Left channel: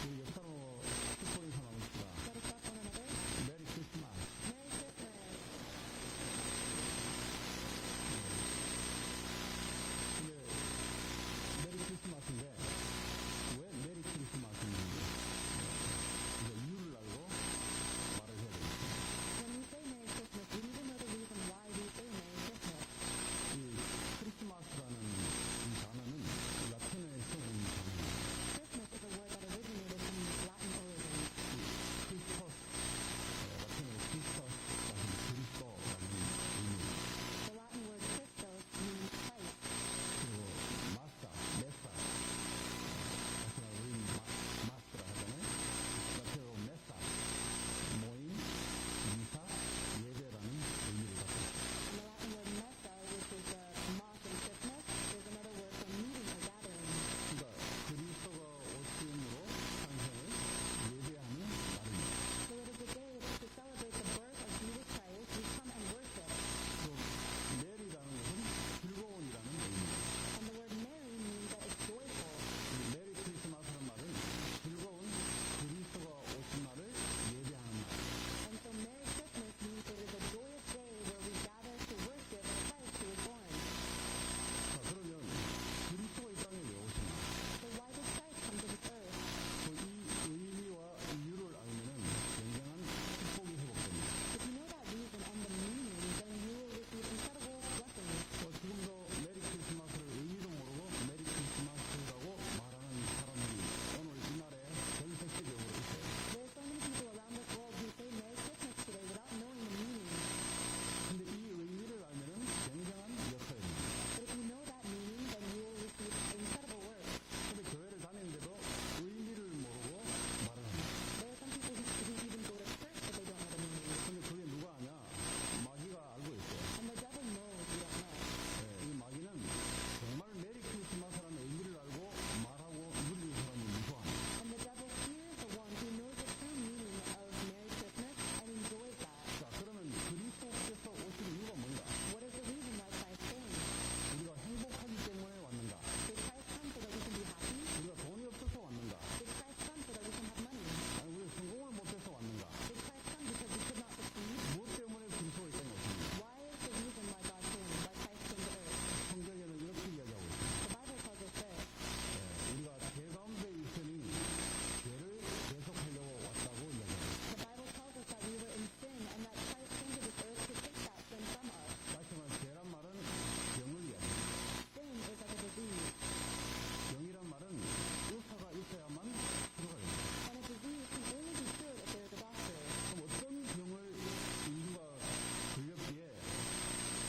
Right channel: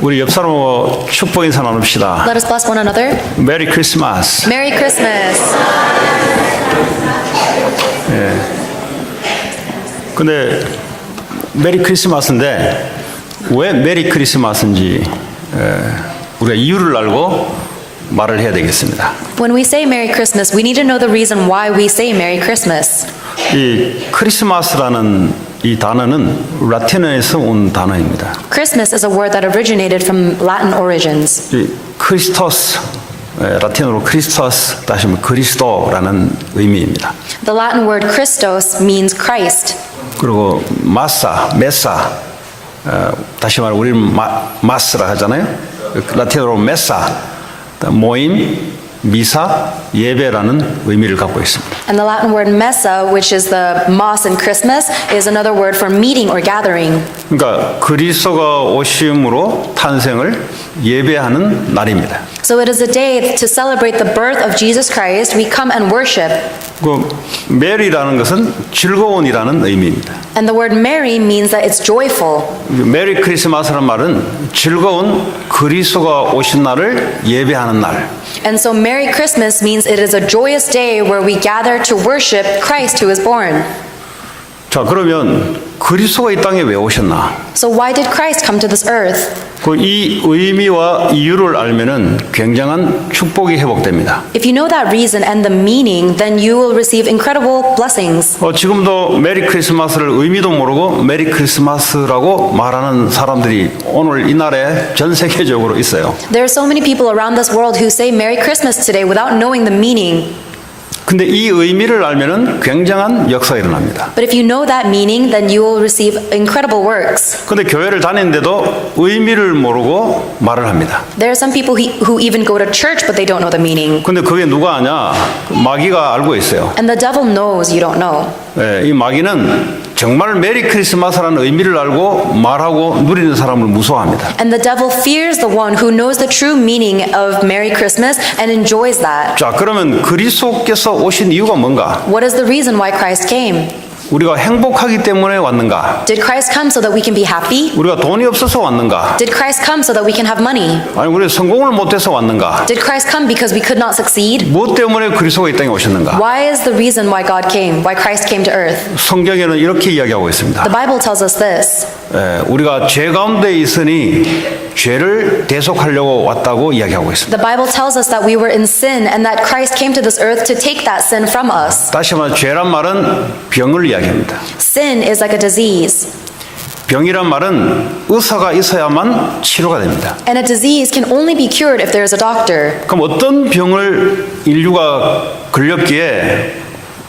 우리 옆 사람하고 축복 인사 나눕시다. Let us bless one another. 메리 크리스마스. Merry Christmas. 근데 메리 크리스마스인데 왜 메리 크리스마스인지 우리가 이유를 알고 말을 해야 되겠습니다. When we say Merry Christmas, we need to know the reason why we say Merry Christmas. 이 크리스마스라는 이 단어는 라틴어에서 온 단어입니다. Christmas is a word that originated from Latin origins. 이 크리스토스, 라틴어로 크리스토스 다시 말하면 그리스도라는 의미입니다. The Latin word Christos means Christ. 그리고 메사, 다시 말하면 우리는 마스라 하잖아요. 라틴어로 메사, 모임, 미사, 예배라는 의미를 갖고 있습니다. And the Latin word messa, which is the Mass in Christmas, is another word for meeting or gathering. 그러니까 그리스도가 오심으로 탄생을 예배하는 날입니다. So it is a day to celebrate the birth of Jesus Christ. We come and worship. 그 메리라는 것은 즐거운이라는 의미입니다. And the word merry means that it's joyful. 메리 크리스마스라는 말은 즐거운 그리스도가 오신 날을 예배하는 날. And so Merry Christmas means it is a joyous day where we gather to worship Christ who is born. 자, 그러면 그리스도가 이 땅에 왜 오셨나? So why did Christ come to this earth? 그 이 의미와 이유를 알면은 굉장한 축복이 회복됩니다. If you know that reason and the meaning, then you will receive incredible blessings. 지금도 메리 크리스마스를 의미도 모르고 메리 크리스마스라고 말하는 사람들이 오늘 이날에 전 세계적으로 있어요. There are so many people around this world who say Merry Christmas today without knowing the meaning. 근데 이 의미를 알면은 굉장한 역사가 일어납니다. But if you know that meaning, then you will receive incredible works. 근데 교회를 다니는데도 의미를 모르고 말을 합니다. There are some people who even go to church, but they don't know the meaning. 근데 그게 누가 아냐? 마귀가 알고 있어요. And the devil knows you don't know. 이 마귀는 정말 메리 크리스마스라는 의미를 알고 말하고 누리는 사람을 무서워합니다. And the devil fears the one who knows the true meaning of Merry Christmas and enjoys that. 자, 그러면 그리스도께서 오신 이유가 뭔가? What is the reason why Christ came? 우리가 행복하기 때문에 왔는가? Did Christ come so that we can be happy? 우리가 돈이 없어서 왔는가? Did Christ come so that we can have money? 아니, 우리가 성공을 못해서 왔는가? Did Christ come because we could not succeed? 무엇 때문에 그리스도가 이 땅에 오셨는가? Why is the reason why God came, why Christ came to earth? 성경에는 이렇게 이야기하고 있습니다. The Bible tells us this. 우리가 죄 가운데 있으니 죄를 대속하려고 왔다고 이야기하고 있습니다. The Bible tells us that we were in sin and that Christ came to this earth to take that sin from us. 다시 말해 죄란 말은 병을 이야기합니다. Sin is like a disease. 병이란 말은 의사가 있어야만 치료가 됩니다. And a disease can only be cured if there is a doctor. 그럼 어떤 병을 인류가 걸렸기에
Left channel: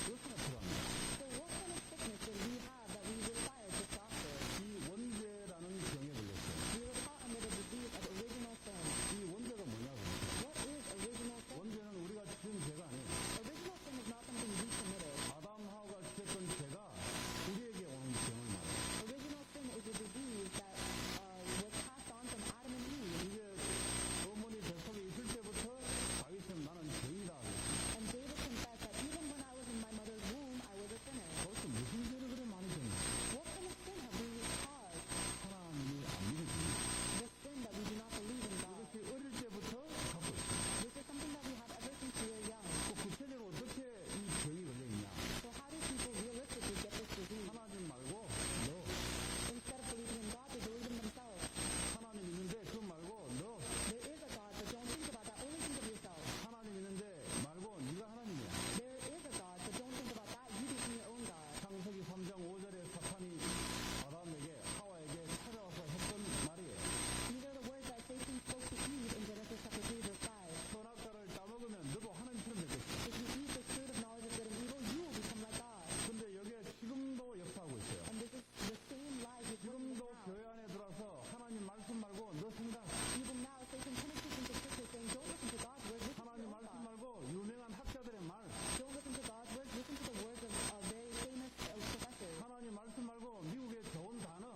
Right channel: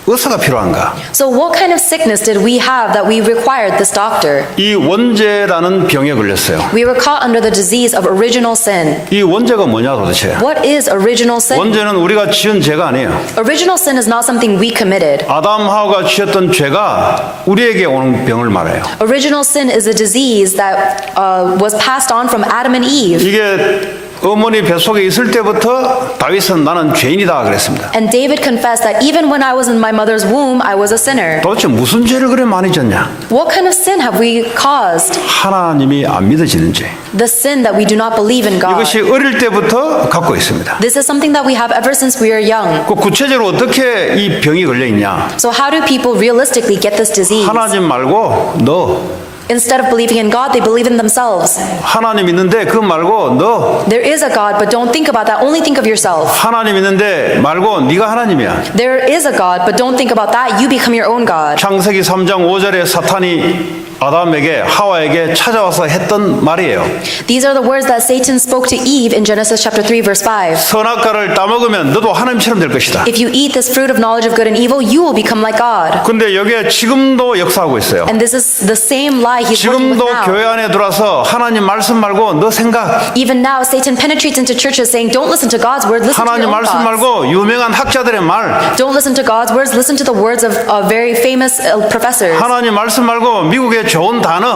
의사가 필요한가? So what kind of sickness did we have that we required this doctor? 이 원죄라는 병에 걸렸어요. We were caught under the disease of original sin. 이 원죄가 뭐냐 도대체? What is original sin? 원죄는 우리가 지은 죄가 아니에요. Original sin is not something we committed. 아담 하와가 지었던 죄가 우리에게 오는 병을 말해요. Original sin is a disease that was passed on from Adam and Eve. 이게 어머니 뱃속에 있을 때부터 다윗은 나는 죄인이다 그랬습니다. And David confessed that even when I was in my mother's womb, I was a sinner. 도대체 무슨 죄를 그래 많이 졌냐? What kind of sin have we caused? 하나님이 안 믿어지는 죄. The sin that we do not believe in God. 이것이 어릴 때부터 갖고 있습니다. This is something that we have ever since we are young. 그 구체적으로 어떻게 이 병이 걸려 있냐? So how do people realistically get this disease? 하나님 말고 너. Instead of believing in God, they believe in themselves. 하나님 있는데 그 말고 너. There is a God, but don't think about that. Only think of yourself. 하나님 있는데 말고 네가 하나님이야. There is a God, but don't think about that. You become your own God. 창세기 3장 5절에 사탄이 아담에게 하와에게 찾아와서 했던 말이에요. These are the words that Satan spoke to Eve in Genesis chapter 3 verse 5. 선악과를 따먹으면 너도 하나님처럼 될 것이다. If you eat this fruit of knowledge of good and evil, you will become like God. 근데 여기에 지금도 역사하고 있어요. And this is the same lie he's working with 지금도 now. 교회 안에 들어와서 하나님 말씀 말고 너 생각. Even now, Satan penetrates into churches saying, don't listen to God's word, listen to 하나님 your own 말씀 thoughts. 말고 유명한 학자들의 말. Don't listen to God's words, listen to the words of very famous professors. 하나님 말씀 말고 미국의 좋은 단어.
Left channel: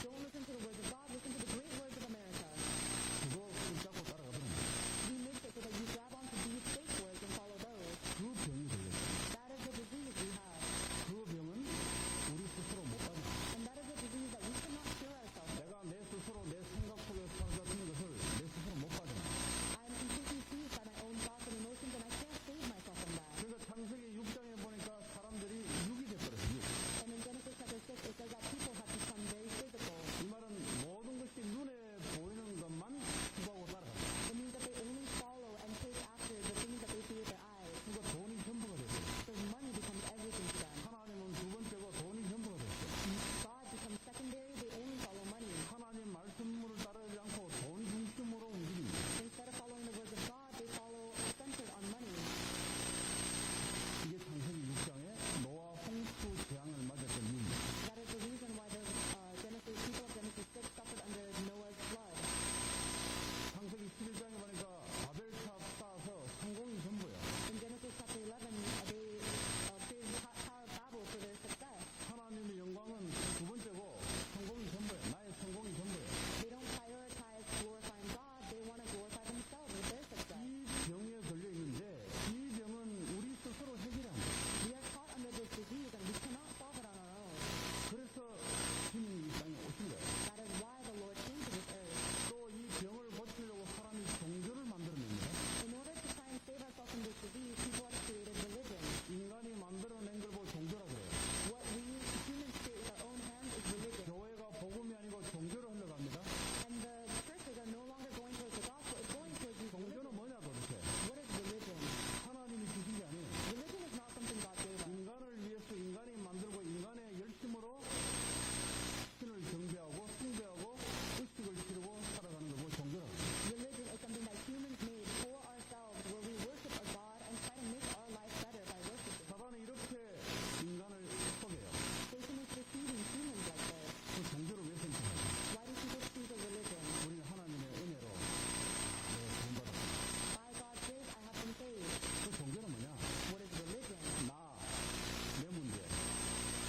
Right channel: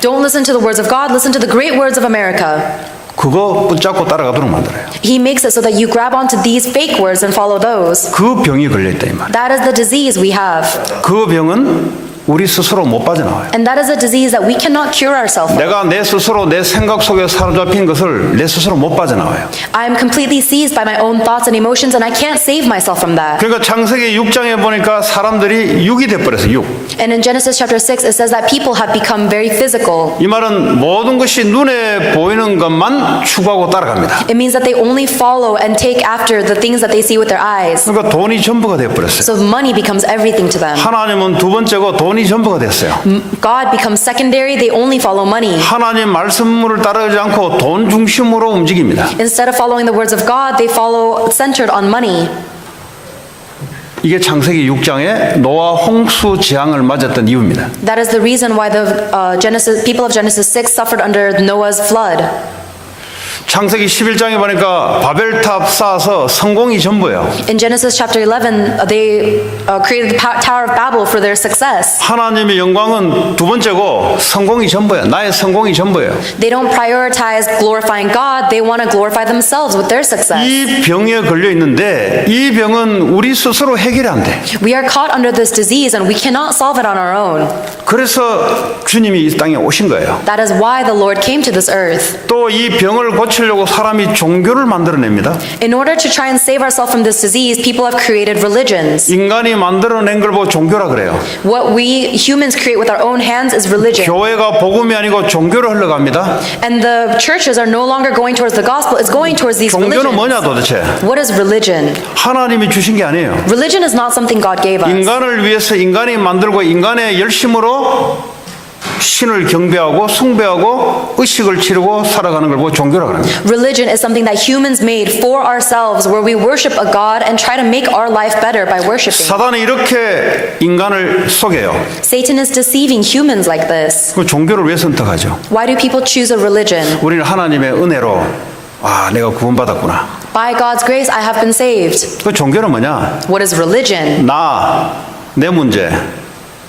Don't listen to the words of God, listen to the great words of America. 그거 붙잡고 따라가도록 만들어요. He makes it so that you grab onto these fake words and follow those. 그 병이 걸려있다 이 말. That is the disease we have. 그 병은 우리 스스로 못 빠져나와요. And that is a disease that we cannot cure ourselves of. 내가 내 스스로 내 생각 속에 사로잡힌 것을 내 스스로 못 빠져나와요. I am completely seized by my own thoughts and emotions, and I can't save myself from that. 그러니까 창세기 6장에 보니까 사람들이 육이 돼버렸어요. 육. And in Genesis chapter 6, it says that people have become very physical. 이 말은 모든 것이 눈에 보이는 것만 추구하고 따라갑니다. It means that they only follow and take after the things that they see with their eyes. 그러니까 돈이 전부가 돼버렸어요. So money becomes everything to them. 하나님은 두 번째고 돈이 전부가 됐어요. God becomes secondary, they only follow money. 하나님 말씀을 따르지 않고 돈 중심으로 움직입니다. Instead of following the words of God, they follow centered on money. 이게 창세기 6장에 노아 홍수 재앙을 맞았던 이유입니다. That is the reason why the people of Genesis 6 suffered under Noah's flood. 창세기 11장에 보니까 바벨탑 쌓아서 성공이 전부예요. In Genesis chapter 11, they created the Tower of Babel for their success. 하나님의 영광은 두 번째고 성공이 전부예요. 나의 성공이 전부예요. They don't prioritize glorifying God, they want to glorify themselves with their success. 이 병에 걸려 있는데 이 병은 우리 스스로 해결이 안 돼. We are caught under this disease and we cannot solve it on our own. 그래서 주님이 이 땅에 오신 거예요. That is why the Lord came to this earth. 또 이 병을 고치려고 사람이 종교를 만들어냅니다. In order to try and save ourselves from this disease, people have created religions. 인간이 만들어낸 걸 보고 종교라 그래요. What we humans create with our own hands is religion. 교회가 복음이 아니고 종교로 흘러갑니다. And the churches are no longer going towards the gospel, it's going towards these 종교는 religions. 뭐냐 도대체? What is religion? 하나님이 주신 게 아니에요. Religion is not something God gave us. 인간을 위해서 인간이 만들고 인간의 열심으로 신을 경배하고 숭배하고 의식을 치르고 살아가는 걸 보고 종교라고 합니다. Religion is something that humans made for ourselves, where we worship a God and try to make our life better by worshiping. 사단이 이렇게 인간을 속여요. Satan is deceiving humans like this. 그 종교를 왜 선택하죠? Why do people choose a religion? 우리는 하나님의 은혜로 내가 구원받았구나. By God's grace, I have been saved. 그 종교는 뭐냐? What is religion? 내 문제,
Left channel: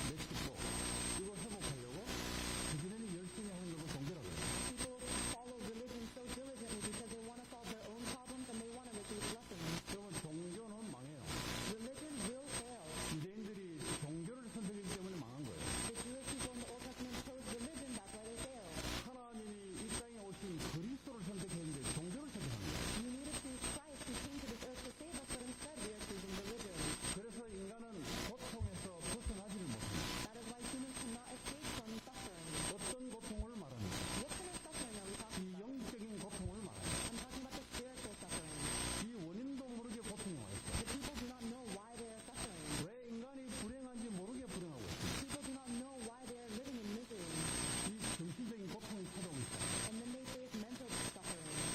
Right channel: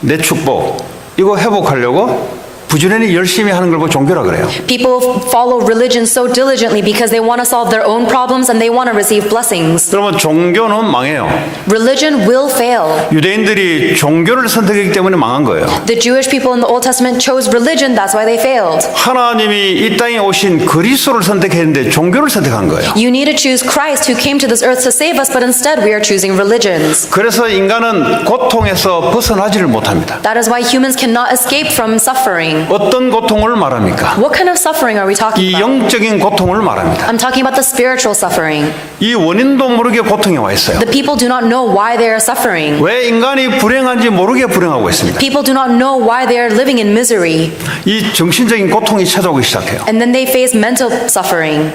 내 축복 이거 회복하려고 부지런히 열심히 하는 걸 보고 종교라 그래요. People follow religion so diligently because they want to solve their own problems and they want to receive blessings. 그러면 종교는 망해요. Religion will fail. 유대인들이 종교를 선택했기 때문에 망한 거예요. The Jewish people in the Old Testament chose religion, that's why they failed. 하나님이 이 땅에 오신 그리스도를 선택했는데 종교를 선택한 거예요. You need to choose Christ who came to this earth to save us, but instead we are choosing religions. 그래서 인간은 고통에서 벗어나지를 못합니다. That is why humans cannot escape from suffering. 어떤 고통을 말합니까? What kind of suffering are we talking 이 about? 영적인 고통을 말합니다. I'm talking about the spiritual suffering. 이 원인도 모르게 고통에 와 있어요. The people do not know why they are suffering. 왜 인간이 불행한지 모르게 불행하고 있습니다. People do not know why they are living in misery. 이 정신적인 고통이 찾아오기 시작해요. And then they face mental suffering.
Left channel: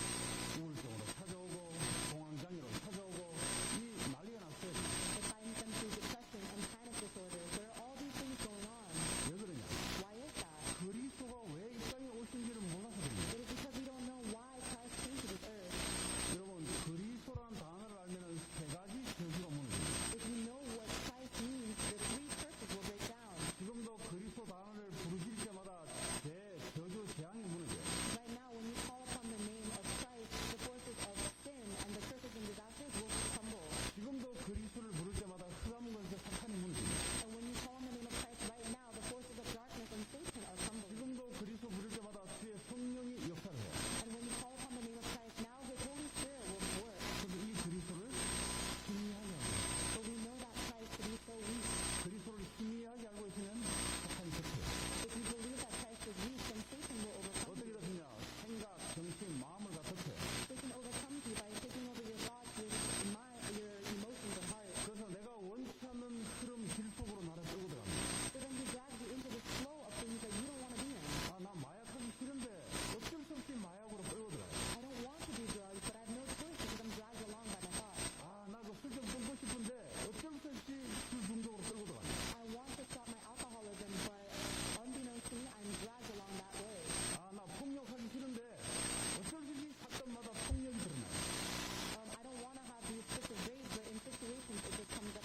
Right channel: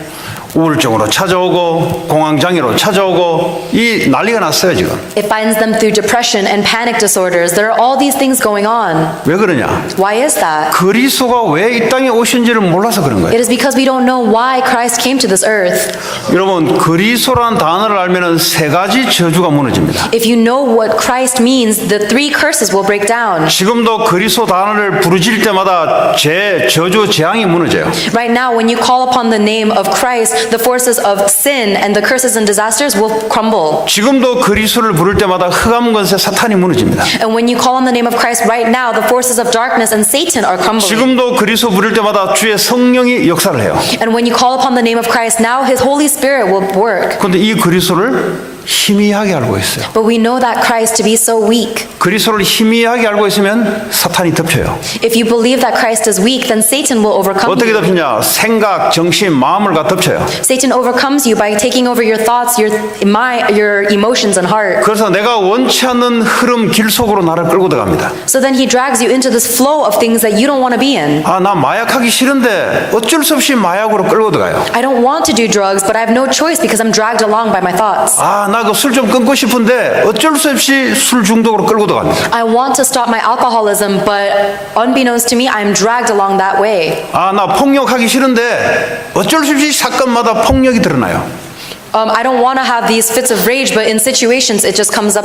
우울증으로 찾아오고 공황장애로 찾아오고 이 난리가 났어요 지금. It finds them through depression and panic disorders. There are all these things going on. 왜 그러냐? Why is that? 그리스도가 왜 이 땅에 오신지를 몰라서 그런 거예요. It is because we don't know why Christ came to this earth. 여러분 그리스도라는 단어를 알면은 세 가지 저주가 무너집니다. If you know what Christ means, the three curses will break down. 지금도 그리스도 단어를 부르질 때마다 저주 재앙이 무너져요. Right now, when you call upon the name of Christ, the forces of sin and the curses and disasters will crumble. 지금도 그리스도를 부를 때마다 흑암 권세 사탄이 무너집니다. And when you call on the name of Christ right now, the forces of darkness and Satan are crumbling. 지금도 그리스도 부를 때마다 주의 성령이 역사를 해요. And when you call upon the name of Christ, now His Holy Spirit will work. 그런데 이 그리스도를 희미하게 알고 있어요. But we know that Christ to be so weak. 그리스도를 희미하게 알고 있으면 사탄이 덮쳐요. If you believe that Christ is weak, then Satan will overcome 어떻게 you. 덮치냐? 생각, 정신, 마음을 다 덮쳐요. Satan overcomes you by taking over your thoughts, your emotions and heart. 그래서 내가 원치 않는 흐름 길 속으로 나를 끌고 들어갑니다. So then he drags you into this flow of things that you don't want to be in. 나 마약하기 싫은데 어쩔 수 없이 마약으로 끌고 들어가요. I don't want to do drugs, but I have no choice because I'm dragged along by my thoughts. 나 그 술 좀 끊고 싶은데 어쩔 수 없이 술 중독으로 끌고 들어갑니다. I want to stop my alcoholism, but unbeknownst to me, I'm dragged along that way. 나 폭력하기 싫은데 어쩔 수 없이 사건마다 폭력이 드러나요. I don't want to have these fits of rage, but in situations it just comes up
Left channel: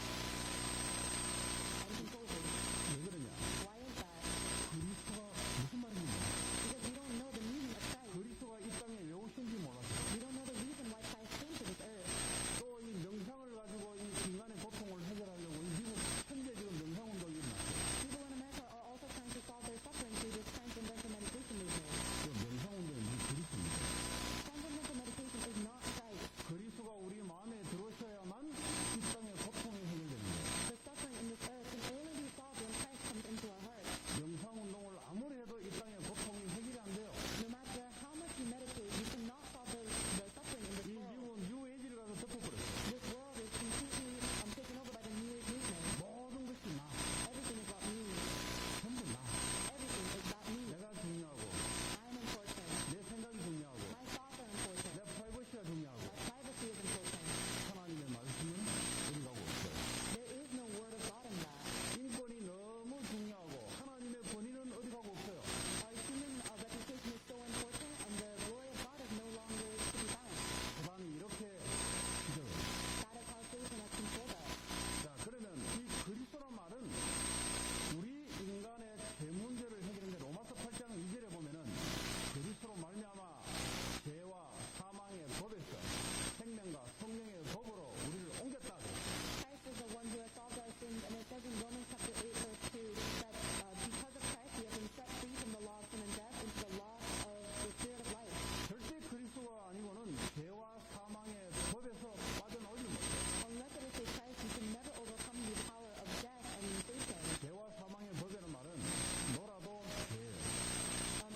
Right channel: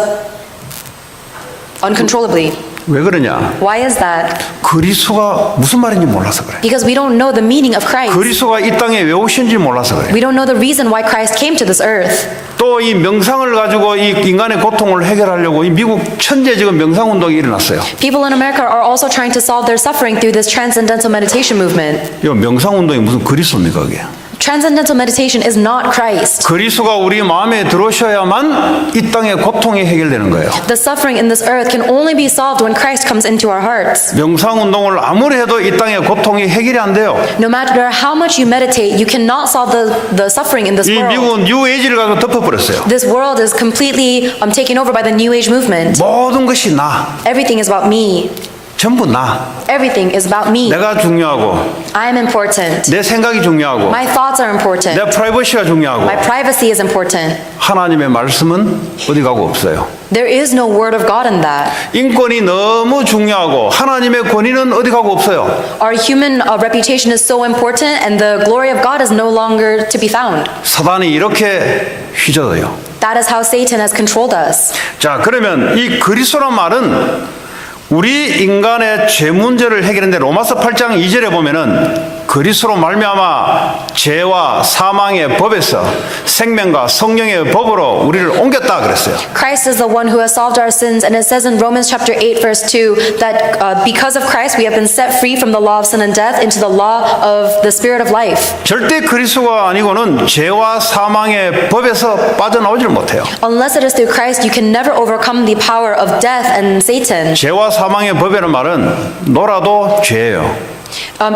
uncontrollably. 왜 그러냐? Why is that? 그리스도가 무슨 말인지 몰라서 그래. Because we don't know the meaning of Christ. 그리스도가 이 땅에 왜 오신지 몰라서 그래. We don't know the reason why Christ came to this earth. 또 이 명상을 가지고 이 인간의 고통을 해결하려고 이 미국 천재 지금 명상 운동이 일어났어요. People in America are also trying to solve their suffering through this transcendental meditation movement. 이 명상 운동이 무슨 그리스도입니까 그게? Transcendental meditation is not Christ. 그리스도가 우리 마음에 들어오셔야만 이 땅의 고통이 해결되는 거예요. The suffering in this earth can only be solved when Christ comes into our hearts. 명상 운동을 아무리 해도 이 땅의 고통이 해결이 안 돼요. No matter how much you meditate, you cannot solve the suffering in this 이 world. 미국은 뉴에이지를 가지고 덮어버렸어요. This world is completely taken over by the New Age movement. 모든 것이 나, Everything is about me. 전부 나. Everything is about me. 내가 중요하고 I am important. 내 생각이 중요하고 My thoughts are important. 내 프라이버시가 중요하고 My privacy is important. 하나님의 말씀은 어디 가고 없어요. There is no word of God in that. 인권이 너무 중요하고 하나님의 권위는 어디 가고 없어요. Our human reputation is so important and the glory of God is no longer to be found. 사단이 이렇게 휘저어요. That is how Satan has controlled us. 자, 그러면 이 그리스도란 말은 우리 인간의 죄 문제를 해결하는데 로마서 8장 2절에 보면은 그리스도로 말미암아 죄와 사망의 법에서 생명과 성령의 법으로 우리를 옮겼다 그랬어요. Christ is the one who has solved our sins, and it says in Romans chapter 8 verse 2 that because of Christ we have been set free from the law of sin and death into the law of the spirit of life. 절대 그리스도가 아니고는 죄와 사망의 법에서 빠져나오지를 못해요. Unless it is through Christ, you can never overcome the power of death and Satan. 죄와 사망의 법이라는 말은 놀아도 죄예요.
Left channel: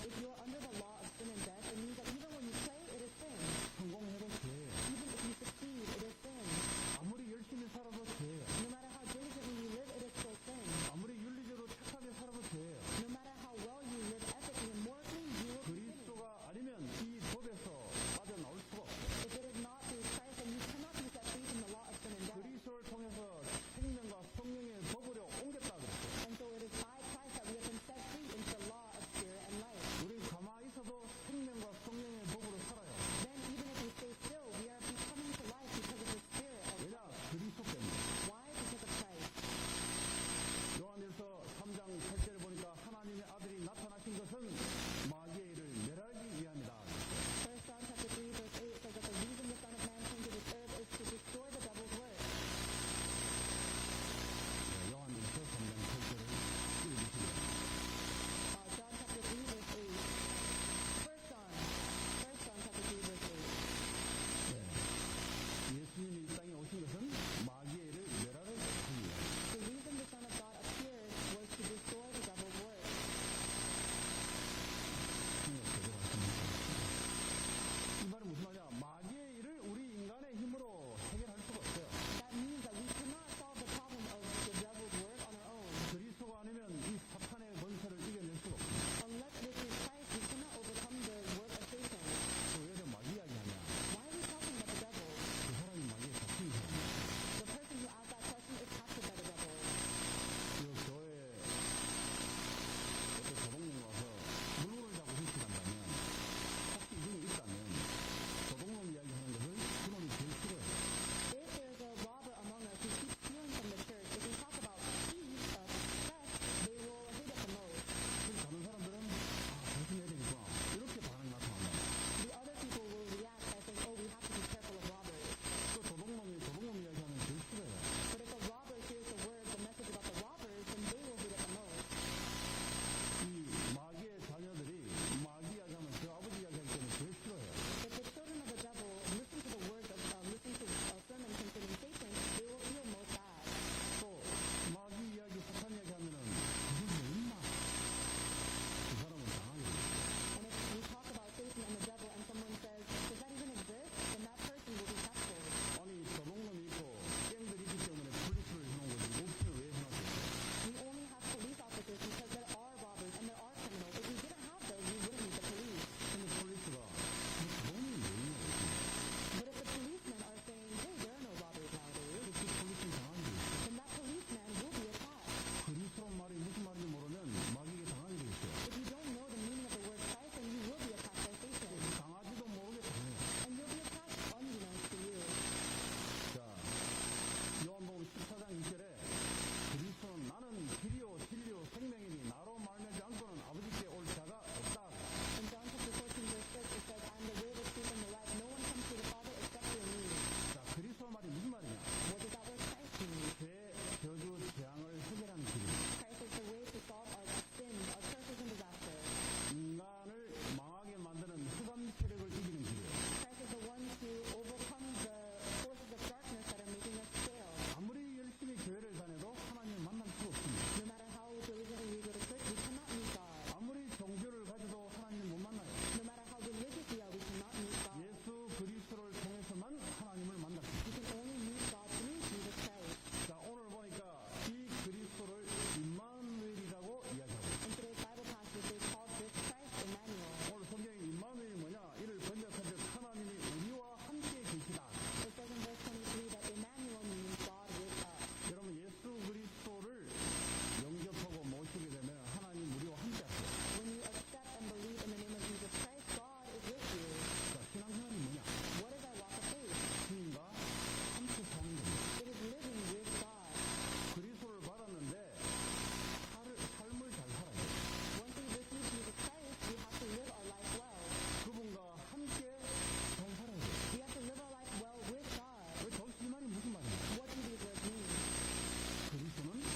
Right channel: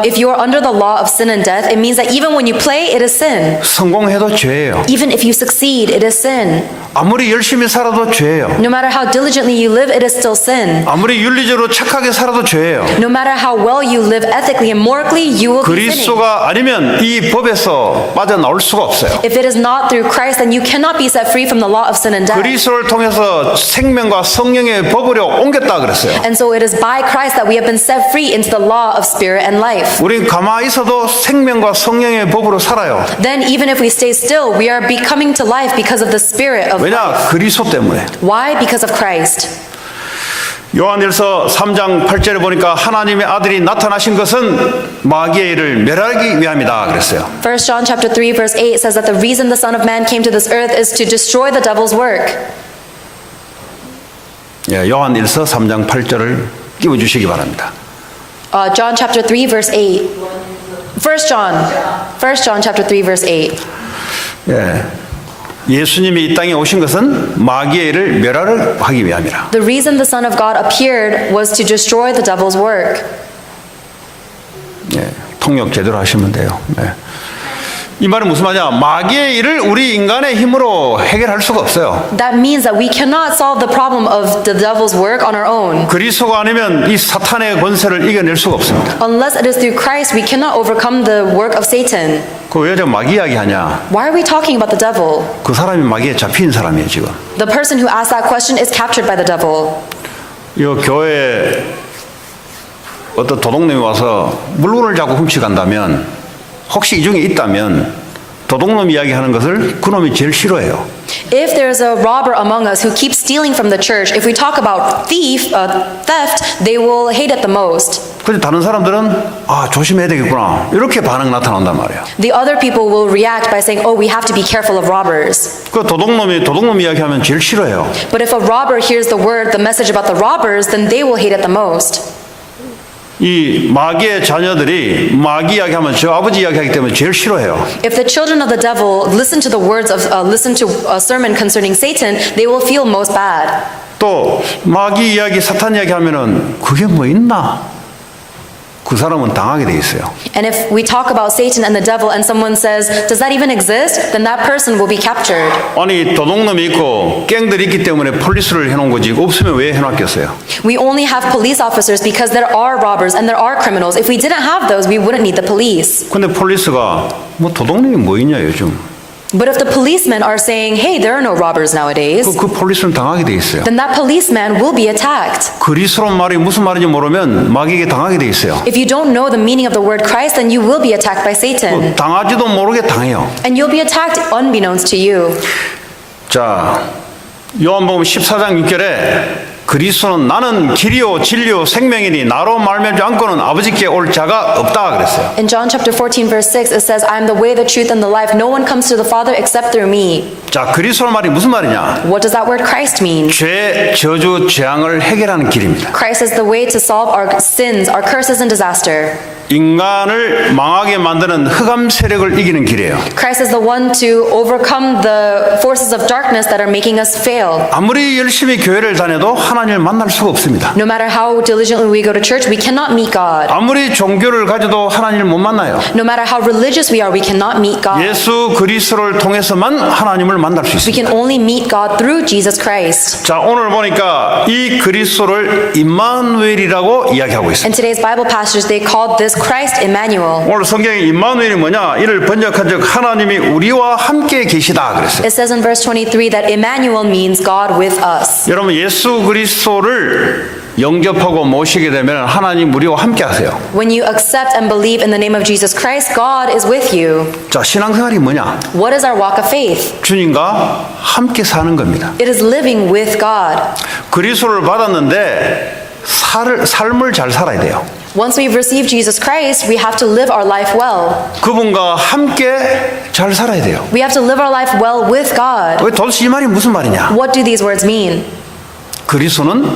If you are under the law of sin and death, it means that even when you play, it is sin. 성공해도 죄예요. Even if you succeed, it is sin. 아무리 열심히 살아도 죄예요. No matter how diligently you live, it is still sin. 아무리 윤리적으로 착하게 살아도 죄예요. No matter how well you live ethically and morally, you will be sinning. 그리스도가 아니면 이 법에서 빠져나올 수가 없어요. If it is not through Christ, then you cannot be set free from the law of sin and death. 그리스도를 통해서 생명과 성령의 법으로 옮겼다 그랬어요. And so it is by Christ that we have been set free into the law of spirit and life. 우린 가만히 있어도 생명과 성령의 법으로 살아요. Then even if we stay still, we are becoming to life because of the spirit of 왜냐? life. 그리스도 때문에. Why? Because of Christ. 요한일서 3장 8절에 보니까 하나님의 아들이 나타나신 것은 마귀의 일을 멸하기 위함이다 그랬어요. 1 John chapter 3 verse 8 says that the reason the Son of Man came to this earth is to destroy the devil's work. 예, 요한일서 3장 8절을 띄워주시기 바랍니다. John chapter 3 verse 8. 1 John chapter 3 verse 8. 예, 예수님이 이 땅에 오신 것은 마귀의 일을 멸하려 하기 위함이라. The reason the Son of God appeared was to destroy the devil's work. 예, 통역 제대로 하시면 돼요. 예. 이 말은 무슨 말이냐? 마귀의 일을 우리 인간의 힘으로 해결할 수가 없어요. That means that we cannot solve the problem of the devil's work on our own. 그리스도가 아니면 이 사탄의 권세를 이겨낼 수가 없습니다. Unless it is through Christ, we cannot overcome the work of Satan. 그 왜 저 마귀 이야기하냐? Why are we talking about the devil? 그 사람이 마귀에 잡힌 사람이에요 지금. The person who asked that question is captured by the devil. 이 교회에 어떤 도둑놈이 와서 물건을 자꾸 훔쳐간다면 혹시 이 중에 있다면 도둑놈 이야기하는 것을 그놈이 제일 싫어해요. If there's a robber among us who keeps stealing from the church, if we talk about theft, they will hate it the most. 근데 다른 사람들은 아 조심해야 되겠구나 이렇게 반응 나타난단 말이야. The other people will react by saying, "Oh, we have to be careful of robbers." 그 도둑놈이 도둑놈 이야기하면 제일 싫어해요. But if a robber hears the message about the robbers, then they will hate it the most. 이 마귀의 자녀들이 마귀 이야기하면 저 아버지 이야기하기 때문에 제일 싫어해요. If the children of the devil listen to the words of listen to a sermon concerning Satan, they will feel most bad. 또 마귀 이야기, 사탄 이야기하면은 그게 뭐 있나? 그 사람은 당하게 돼 있어요. And if we talk about Satan and the devil and someone says, "Does that even exist?" then that person will be captured. 아니 도둑놈이 있고 갱들이 있기 때문에 폴리스를 해놓은 거지 없으면 왜 해놨겠어요? We only have police officers because there are robbers and there are criminals. If we didn't have those, we wouldn't need the police. 근데 폴리스가 뭐 도둑놈이 뭐 있냐 요즘? But if the policemen are saying, "Hey, there are no robbers nowadays," 그 폴리스는 당하게 돼 있어요. then that policeman will be attacked. 그리스도란 말이 무슨 말인지 모르면 마귀에게 당하게 돼 있어요. If you don't know the meaning of the word Christ, then you will be attacked by Satan. 당하지도 모르게 당해요. And you'll be attacked unbeknownst to you. 자, 요한복음 14장 6절에 그리스도는 나는 길이요 진리요 생명이니 나로 말미암지 않고는 아버지께 올 자가 없다 그랬어요. In John chapter 14 verse 6 it says, I am the way, the truth, and the life. No one comes to the Father except through me. 자, 그리스도 말이 무슨 말이냐? What does that word Christ mean? 죄, 저주, 재앙을 해결하는 길입니다. Christ is the way to solve our sins, our curses, and disaster. 인간을 망하게 만드는 흑암 세력을 이기는 길이에요. Christ is the one to overcome the forces of darkness that are making us fail. 아무리 열심히 교회를 다녀도 하나님을 만날 수가 없습니다. No matter how diligently we go to church, we cannot meet God. 아무리 종교를 가져도 하나님을 못 만나요. No matter how religious we are, we cannot meet God. 예수 그리스도를 통해서만 하나님을 만날 수 We 있습니다. can only meet God through Jesus Christ. 자, 오늘 보니까 이 그리스도를 임마누엘이라고 이야기하고 있습니다. In today's Bible passage, they called this Christ Emmanuel. 오늘 성경에 임마누엘이 뭐냐? 이를 번역한 적 하나님이 우리와 함께 계시다 그랬어요. It says in verse 23 that Emmanuel means God with us. 여러분 예수 그리스도를 영접하고 모시게 되면 하나님 우리와 함께 하세요. When you accept and believe in the name of Jesus Christ, God is with you. 자, 신앙생활이 뭐냐? What is our walk of faith? 주님과 함께 사는 겁니다. It is living with God. 그리스도를 받았는데 삶을 잘 살아야 돼요. Once we've received Jesus Christ, we have to live our life well. 그분과 함께 잘 살아야 돼요. We have to live our life well with God. 왜 도대체 이 말이 무슨 말이냐? What do these words mean? 그리스도는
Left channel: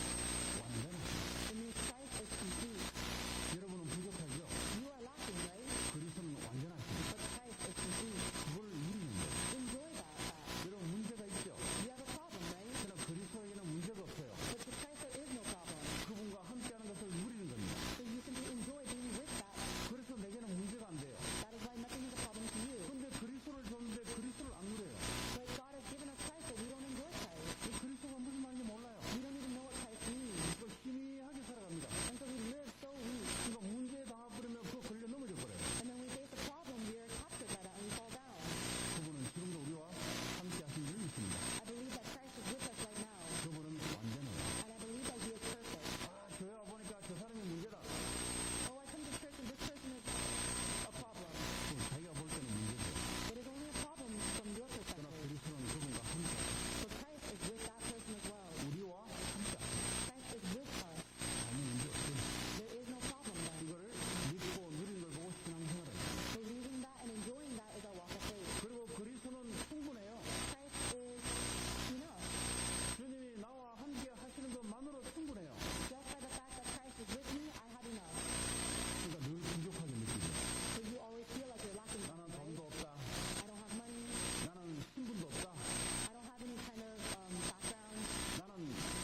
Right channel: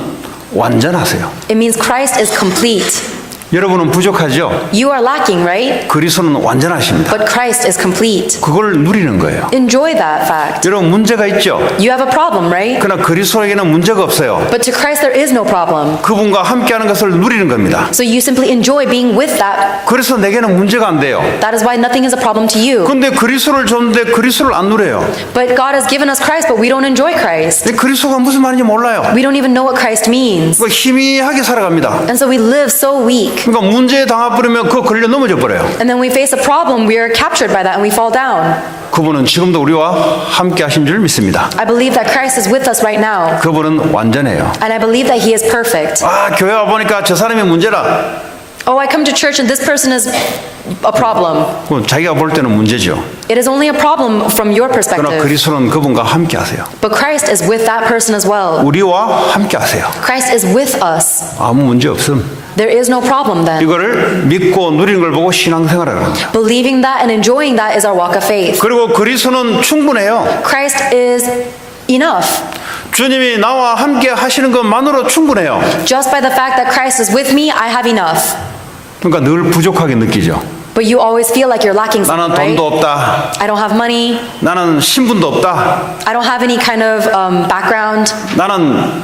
완전하세요. It means Christ is complete. 여러분은 부족하죠? You are lacking, right? 그리스도는 완전하십니다. But Christ is complete. 그걸 누리는 거예요. Enjoy that fact. 여러분 문제가 있죠? You have a problem, right? 그러나 그리스도에게는 문제가 없어요. But to Christ there is no problem. 그분과 함께하는 것을 누리는 겁니다. So you simply enjoy being with that. 그래서 내게는 문제가 안 돼요. That is why nothing is a problem to you. 근데 그리스도를 줬는데 그리스도를 안 누려요. But God has given us Christ, but we don't enjoy Christ. 근데 그리스도가 무슨 말인지 몰라요. We don't even know what Christ means. 그 희미하게 살아갑니다. And so we live so weak. 그러니까 문제에 당해버리면 그거 걸려 넘어져 버려요. And then we face a problem, we are captured by that and we fall down. 그분은 지금도 우리와 함께 하신 줄 믿습니다. I believe that Christ is with us right now. 그분은 완전해요. And I believe that He is perfect. 아, 교회 와 보니까 저 사람이 문제라. Oh, I come to church and this person is a problem. 그건 자기가 볼 때는 문제죠. It is only a problem from your 그러나 perspective. 그리스도는 그분과 함께 하세요. But Christ is with that person as well. 우리와 함께 하세요. Christ is with us. 아무 문제 없음. There is no problem then. 이거를 믿고 누리는 걸 보고 신앙생활을 합니다. Believing that and enjoying that is our walk of faith. 그리고 그리스도는 충분해요. Christ is enough. 주님이 나와 함께 하시는 것만으로 충분해요. Just by the fact that Christ is with me, I have enough. 그러니까 늘 부족하게 느끼죠. But you always feel like you're lacking 나는 something, 돈도 right? 없다. I don't have money. 나는 신분도 없다. I don't have any kind of background. 나는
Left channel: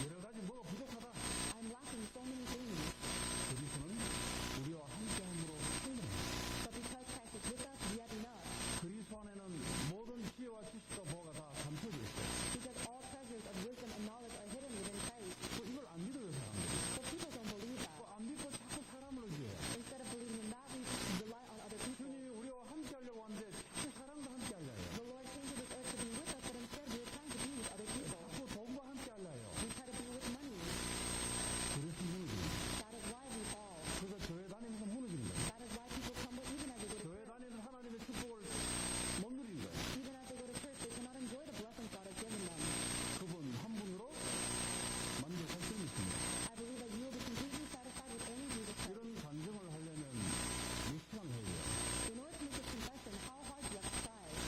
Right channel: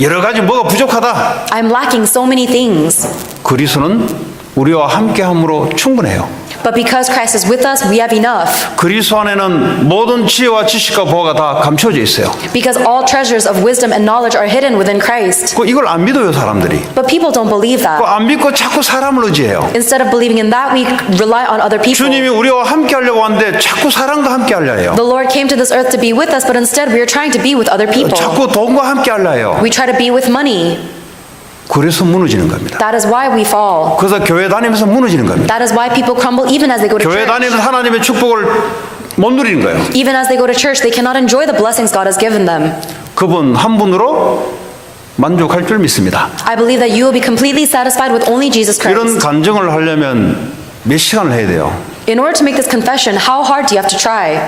여러 가지 뭐가 부족하다. I'm lacking so many things. 그리스도는 우리와 함께함으로 충분해요. But because Christ is with us, we have enough. 그리스도 안에는 모든 지혜와 지식과 보화가 다 감춰져 있어요. Because all treasures of wisdom and knowledge are hidden within Christ. 이걸 안 믿어요, 사람들이. But people don't believe that. 안 믿고 자꾸 사람을 의지해요. Instead of believing in that, we rely on other people. 주님이 우리와 함께 하려고 하는데 자꾸 사람과 함께 하려 해요. The Lord came to this earth to be with us, but instead we are trying to be with other people. 자꾸 돈과 함께 하려 해요. We try to be with money. 그래서 무너지는 겁니다. That is why we fall. 그래서 교회 다니면서 무너지는 겁니다. That is why people crumble even as they go to 교회 church. 다니면서 하나님의 축복을 못 누리는 거예요. Even as they go to church, they cannot enjoy the blessings God has given them. 그분 한 분으로 만족할 줄 믿습니다. I believe that you will be completely satisfied with only Jesus 이런 Christ. 간증을 하려면 몇 시간을 해야 돼요. In order to make this confession, how hard do you have to try?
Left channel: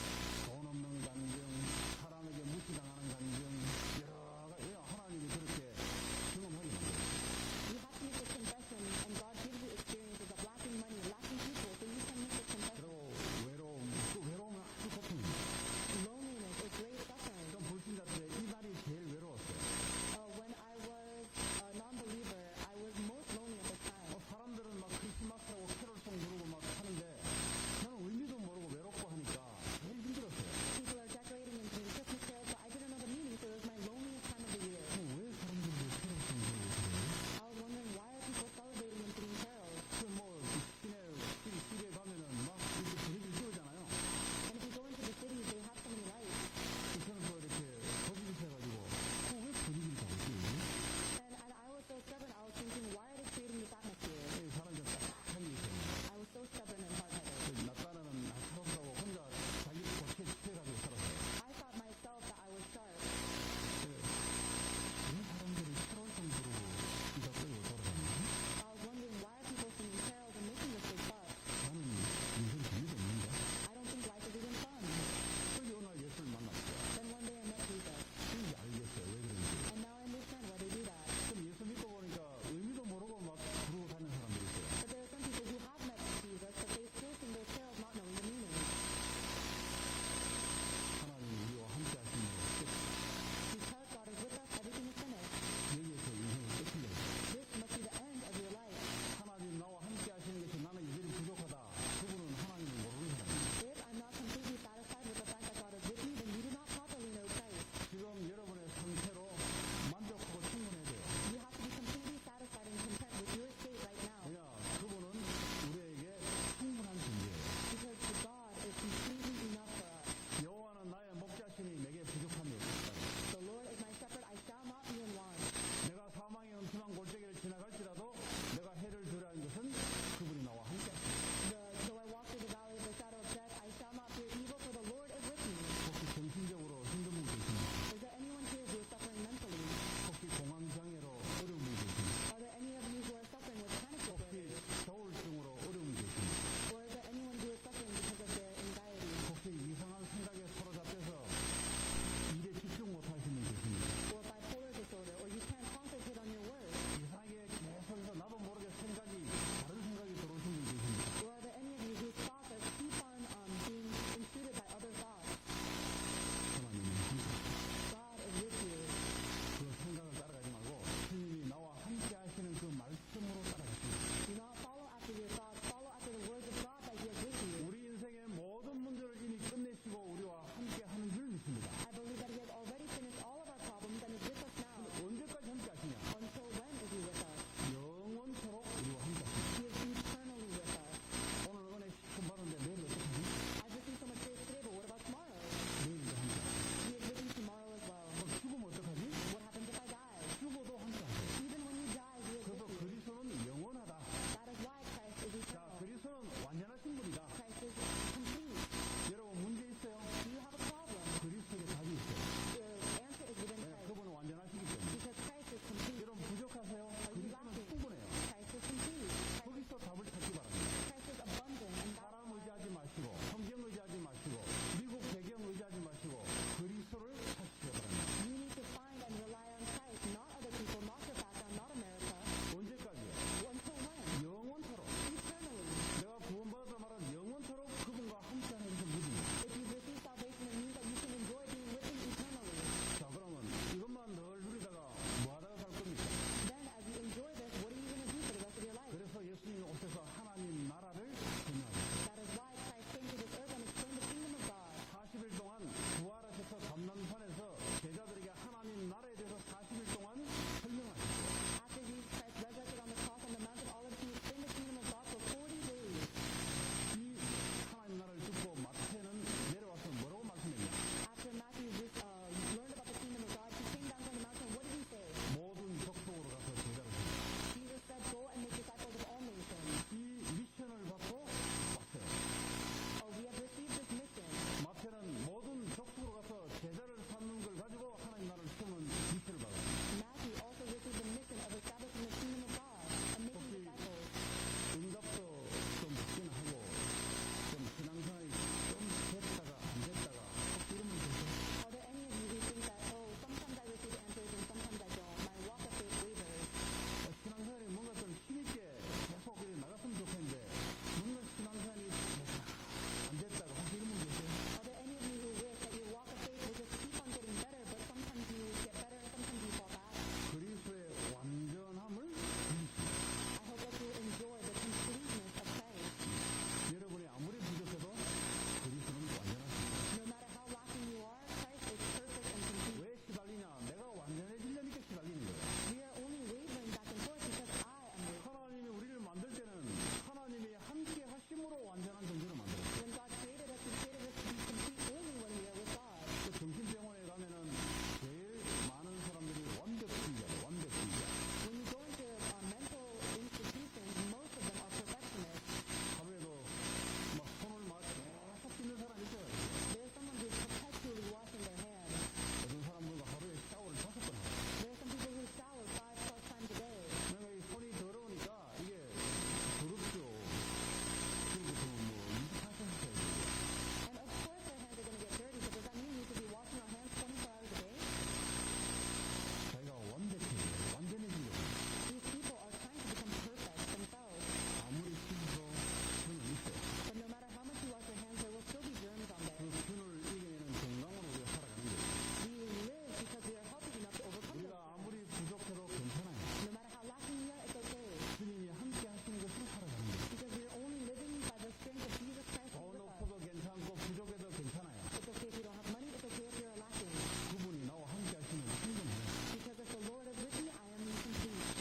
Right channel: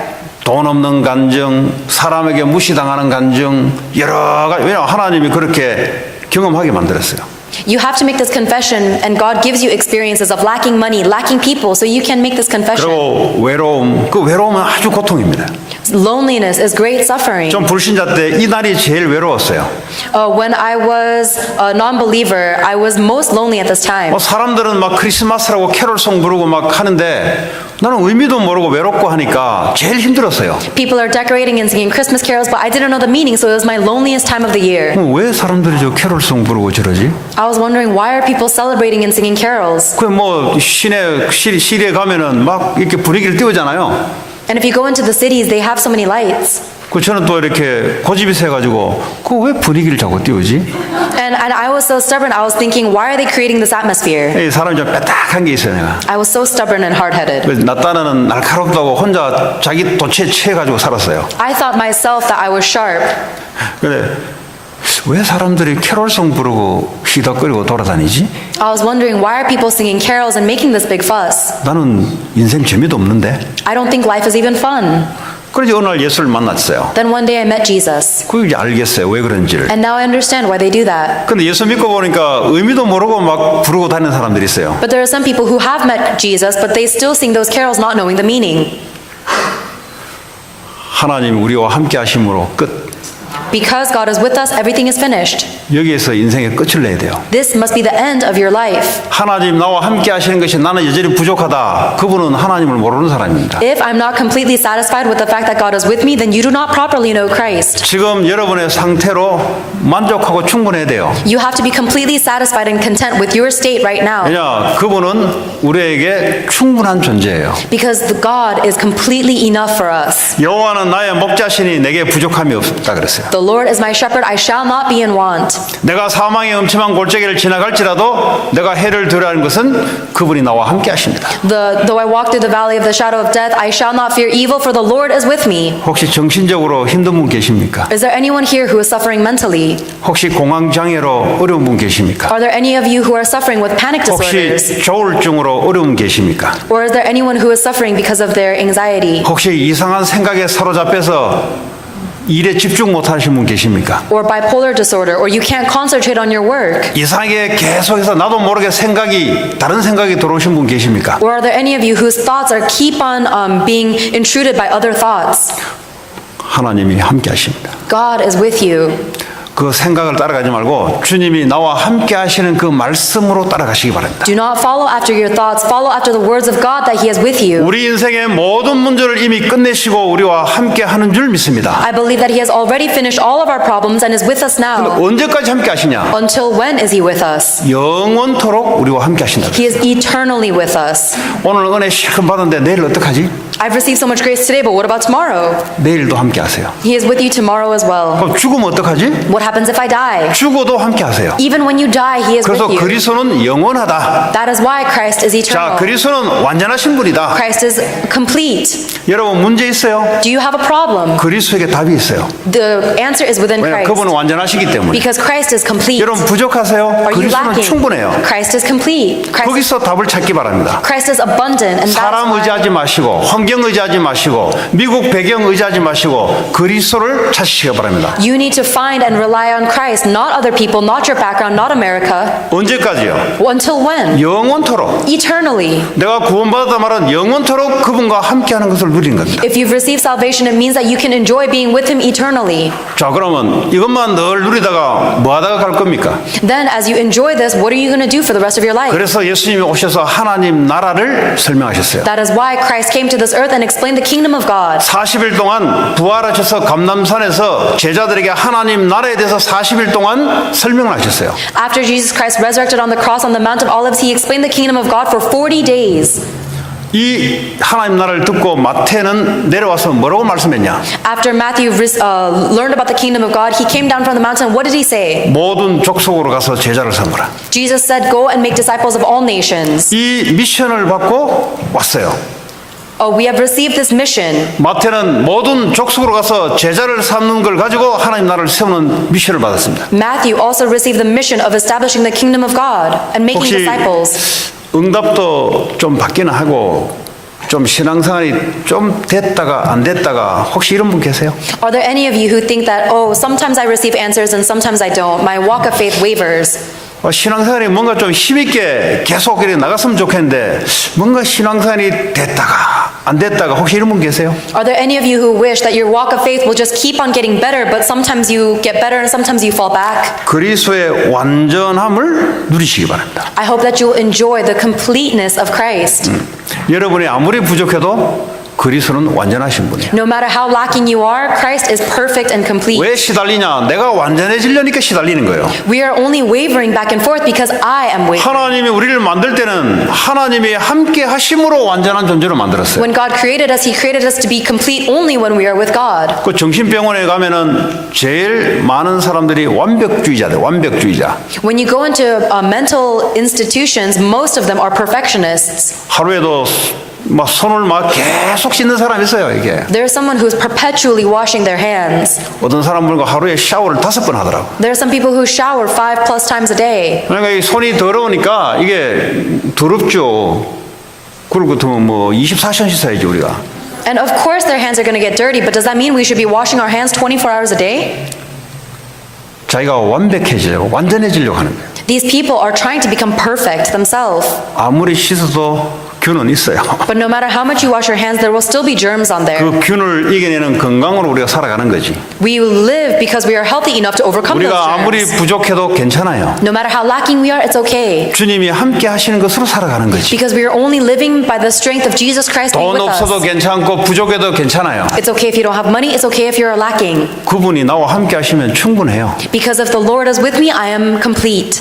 돈 없는 간증, 사람에게 무시당하는 간증, 여러 가지. 왜냐하면 하나님이 그렇게 경험하게 만들었어요. You have to make this confession, and God gives you experiences of lacking money, lacking people, so you can make this confession. 그리고 외로움, 그 외로움은 아주 고통입니다. Loneliness is great suffering. 좀 불신자 때 이 날이 제일 외로웠어요. When I was a non-believer, I was most lonely at this time. 사람들은 막 크리스마스라고 캐롤송 부르고 막 하는데 나는 의미도 모르고 외롭고 하니까 제일 힘들었어요. People are decorating and singing Christmas carols, but I didn't know the meaning, so it was my loneliest time of the year. 왜 사람들이 저 캐롤송 부르고 저러지? I was wondering, why are people celebrating and singing carols? 그 뭐 시리에 가면은 막 이렇게 분위기를 띄우잖아요. And if you go into the cities, they have so many lights. 그 저는 또 이렇게 고집이 세가지고 그 왜 분위기를 자꾸 띄우지? And I was so stubborn, I was thinking, why are they creating this atmosphere? 이 사람이 좀 빼딱한 게 있어요, 내가. I was so stubborn and hard-headed. 그래서 나 딴에는 날카롭다고 혼자 자기 도체에 취해가지고 살았어요. I thought myself that I was sharp. 근데 왜 사람들이 캐롤송 부르고 휘덕거리고 돌아다니지? I was wondering, why are people singing carols and making this big fuss? 나는 인생 재미도 없는데. I don't think life is even fun. 그래서 어느 날 예수를 만났어요. Then one day I met Jesus, 그 이제 알겠어요. 왜 그런지를. and now I understand why they do that. 근데 예수 믿고 보니까 의미도 모르고 막 부르고 다니는 사람들이 있어요. But there are some people who have met Jesus, but they still sing those carols not knowing the meaning. 하나님 우리와 함께 하심으로 끝. Because God is with us, everything is finished. 여기에서 인생의 끝을 내야 돼요. This must be the end of your life. 하나님 나와 함께 하시는 것이 나는 여전히 부족하다. 그분은 하나님을 모르는 사람입니다. If I'm not completely satisfied with the fact that God is with me, then you do not properly know Christ. 지금 여러분의 상태로 만족하고 충분해야 돼요. You have to be completely satisfied and content with your state right now. 왜냐? 그분은 우리에게 충분한 존재예요. Because the God is completely enough for us. 여호와는 나의 목자시니 내게 부족함이 없다 그랬어요. The Lord is my shepherd, I shall not be in want. 내가 사망의 음침한 골짜기를 지나갈지라도 내가 해를 두려워하는 것은 그분이 나와 함께 하십니다. Though I walk through the valley of the shadow of death, I shall not fear evil, for the Lord is with me. 혹시 정신적으로 힘든 분 계십니까? Is there anyone here who is suffering mentally? 혹시 공황장애로 어려운 분 계십니까? Are there any of you who are suffering with panic disorders? 혹시 조울증으로 어려운 분 계십니까? Or is there anyone who is suffering because of their anxiety? 혹시 이상한 생각에 사로잡혀서 일에 집중 못하시는 분 계십니까? Or bipolar disorder? Or you can't concentrate on your work? 이상하게 계속해서 나도 모르게 다른 생각이 들어오신 분 계십니까? Or are there any of you whose thoughts are keep on being intruded by other thoughts? 하나님이 함께 하십니다. God is with you. 그 생각을 따라가지 말고 주님이 나와 함께 하시는 그 말씀으로 따라가시기 바랍니다. Do not follow after your thoughts. Follow after the words of God that He is with you. 우리 인생의 모든 문제를 이미 끝내시고 우리와 함께 하는 줄 믿습니다. I believe that He has already finished all of our problems and is with us now. 언제까지 함께 하시냐? Until when is He with us? 영원토록 우리와 함께 하신다. He is eternally with us. 오늘 은혜 실컷 받았는데 내일 어떡하지? I've received so much grace today, but what about tomorrow? 내일도 함께 하세요. He is with you tomorrow as well. 그럼 죽으면 어떡하지? What happens if I die? 죽어도 함께 하세요. Even when you die, He is with 그래서 you. 그리스도는 영원하다. That is why Christ is 자, eternal. 그리스도는 완전하신 분이다. Christ is complete. 여러분 문제 있어요? Do you have a problem? 그리스도에게 답이 있어요. The answer is within 왜냐하면 Christ. 그분은 완전하시기 때문에. Because Christ is complete. 여러분 부족하세요? Are you 그리스도는 lacking? 충분해요. Christ is complete. 거기서 답을 찾기 바랍니다. Christ is abundant, and that's 사람 why 의지하지 마시고 환경 의지하지 마시고 미국 배경 의지하지 마시고 그리스도를 찾으시기 바랍니다. you need to find and rely on Christ, not other people, not your background, not America. 언제까지요? Until when? 영원토록. Eternally. 내가 구원받았다 말은 영원토록 그분과 함께하는 것을 누리는 겁니다. If you've received salvation, it means that you can enjoy being with Him eternally. 자, 그러면 이것만 늘 누리다가 뭐 하다가 갈 겁니까? Then, as you enjoy this, what are you going to do for the rest of your life? 그래서 예수님이 오셔서 하나님 나라를 설명하셨어요. That is why Christ came to this earth and explained the kingdom of God. 40일 동안 부활하셔서 감람산에서 제자들에게 하나님 나라에 대해서 40일 동안 설명을 하셨어요. After Jesus Christ resurrected on the cross on the Mount of Olives, He explained the kingdom of God for 40 days. 이 하나님 나라를 듣고 마태는 내려와서 뭐라고 말씀했냐? After Matthew learned about the kingdom of God, he came down from the mountain. What did he say? 모든 족속으로 가서 제자를 삼으라. Jesus said, "Go and make disciples of all nations." 이 미션을 받고 왔어요. Oh, we have received this mission. 마태는 모든 족속으로 가서 제자를 삼는 걸 가지고 하나님 나라를 세우는 미션을 받았습니다. Matthew also received the mission of establishing the kingdom of God and making 혹시 disciples. 응답도 좀 받기는 하고 좀 신앙생활이 좀 됐다가 안 됐다가 혹시 이런 분 계세요? Are there any of you who think that, oh, sometimes I receive answers and sometimes I don't? My walk of faith wavers. 신앙생활이 뭔가 좀 힘있게 계속 이렇게 나갔으면 좋겠는데 뭔가 신앙생활이 됐다가 안 됐다가 혹시 이런 분 계세요? Are there any of you who wish that your walk of faith will just keep on getting better, but sometimes you get better and sometimes you fall back? 그리스도의 완전함을 누리시기 바랍니다. I hope that you will enjoy the completeness of Christ. 여러분이 아무리 부족해도 그리스도는 완전하신 분이에요. No matter how lacking you are, Christ is perfect and complete. 왜 시달리냐? 내가 완전해지려니까 시달리는 거예요. We are only wavering back and forth because I am wavering. 하나님이 우리를 만들 때는 하나님이 함께 하심으로 완전한 존재로 만들었어요. When God created us, He created us to be complete only when we are with God. 그 정신병원에 가면은 제일 많은 사람들이 완벽주의자들, 완벽주의자. When you go into mental institutions, most of them are perfectionists. 하루에도 막 손을 막 계속 씻는 사람이 있어요, 이게. There's someone who's perpetually washing their hands. 어떤 사람은 하루에 샤워를 5번 하더라고. There are some people who shower 5+ times a day. 그러니까 이 손이 더러우니까 이게 더럽죠. 그리고 뭐 24시간 씻어야지 우리가. And of course their hands are going to get dirty, but does that mean we should be washing our hands 24 hours a day? 자기가 완벽해지려고 완전해지려고 하는 거예요. These people are trying to become perfect themselves. 아무리 씻어도 균은 있어요. But no matter how much you wash your hands, there will still be germs on there. 그 균을 이겨내는 건강으로 우리가 살아가는 거지. We live because we are healthy enough to overcome those 우리가 아무리 germs. 부족해도 괜찮아요. No matter how lacking we are, it's okay. 주님이 함께 하시는 것으로 살아가는 거지. Because we are only living by the strength of Jesus Christ being 돈 with 없어도 us. 괜찮고 부족해도 괜찮아요. It's okay if you don't have money. It's okay if you're lacking. 그분이 나와 함께 하시면 충분해요. Because if the Lord is with me, I am complete.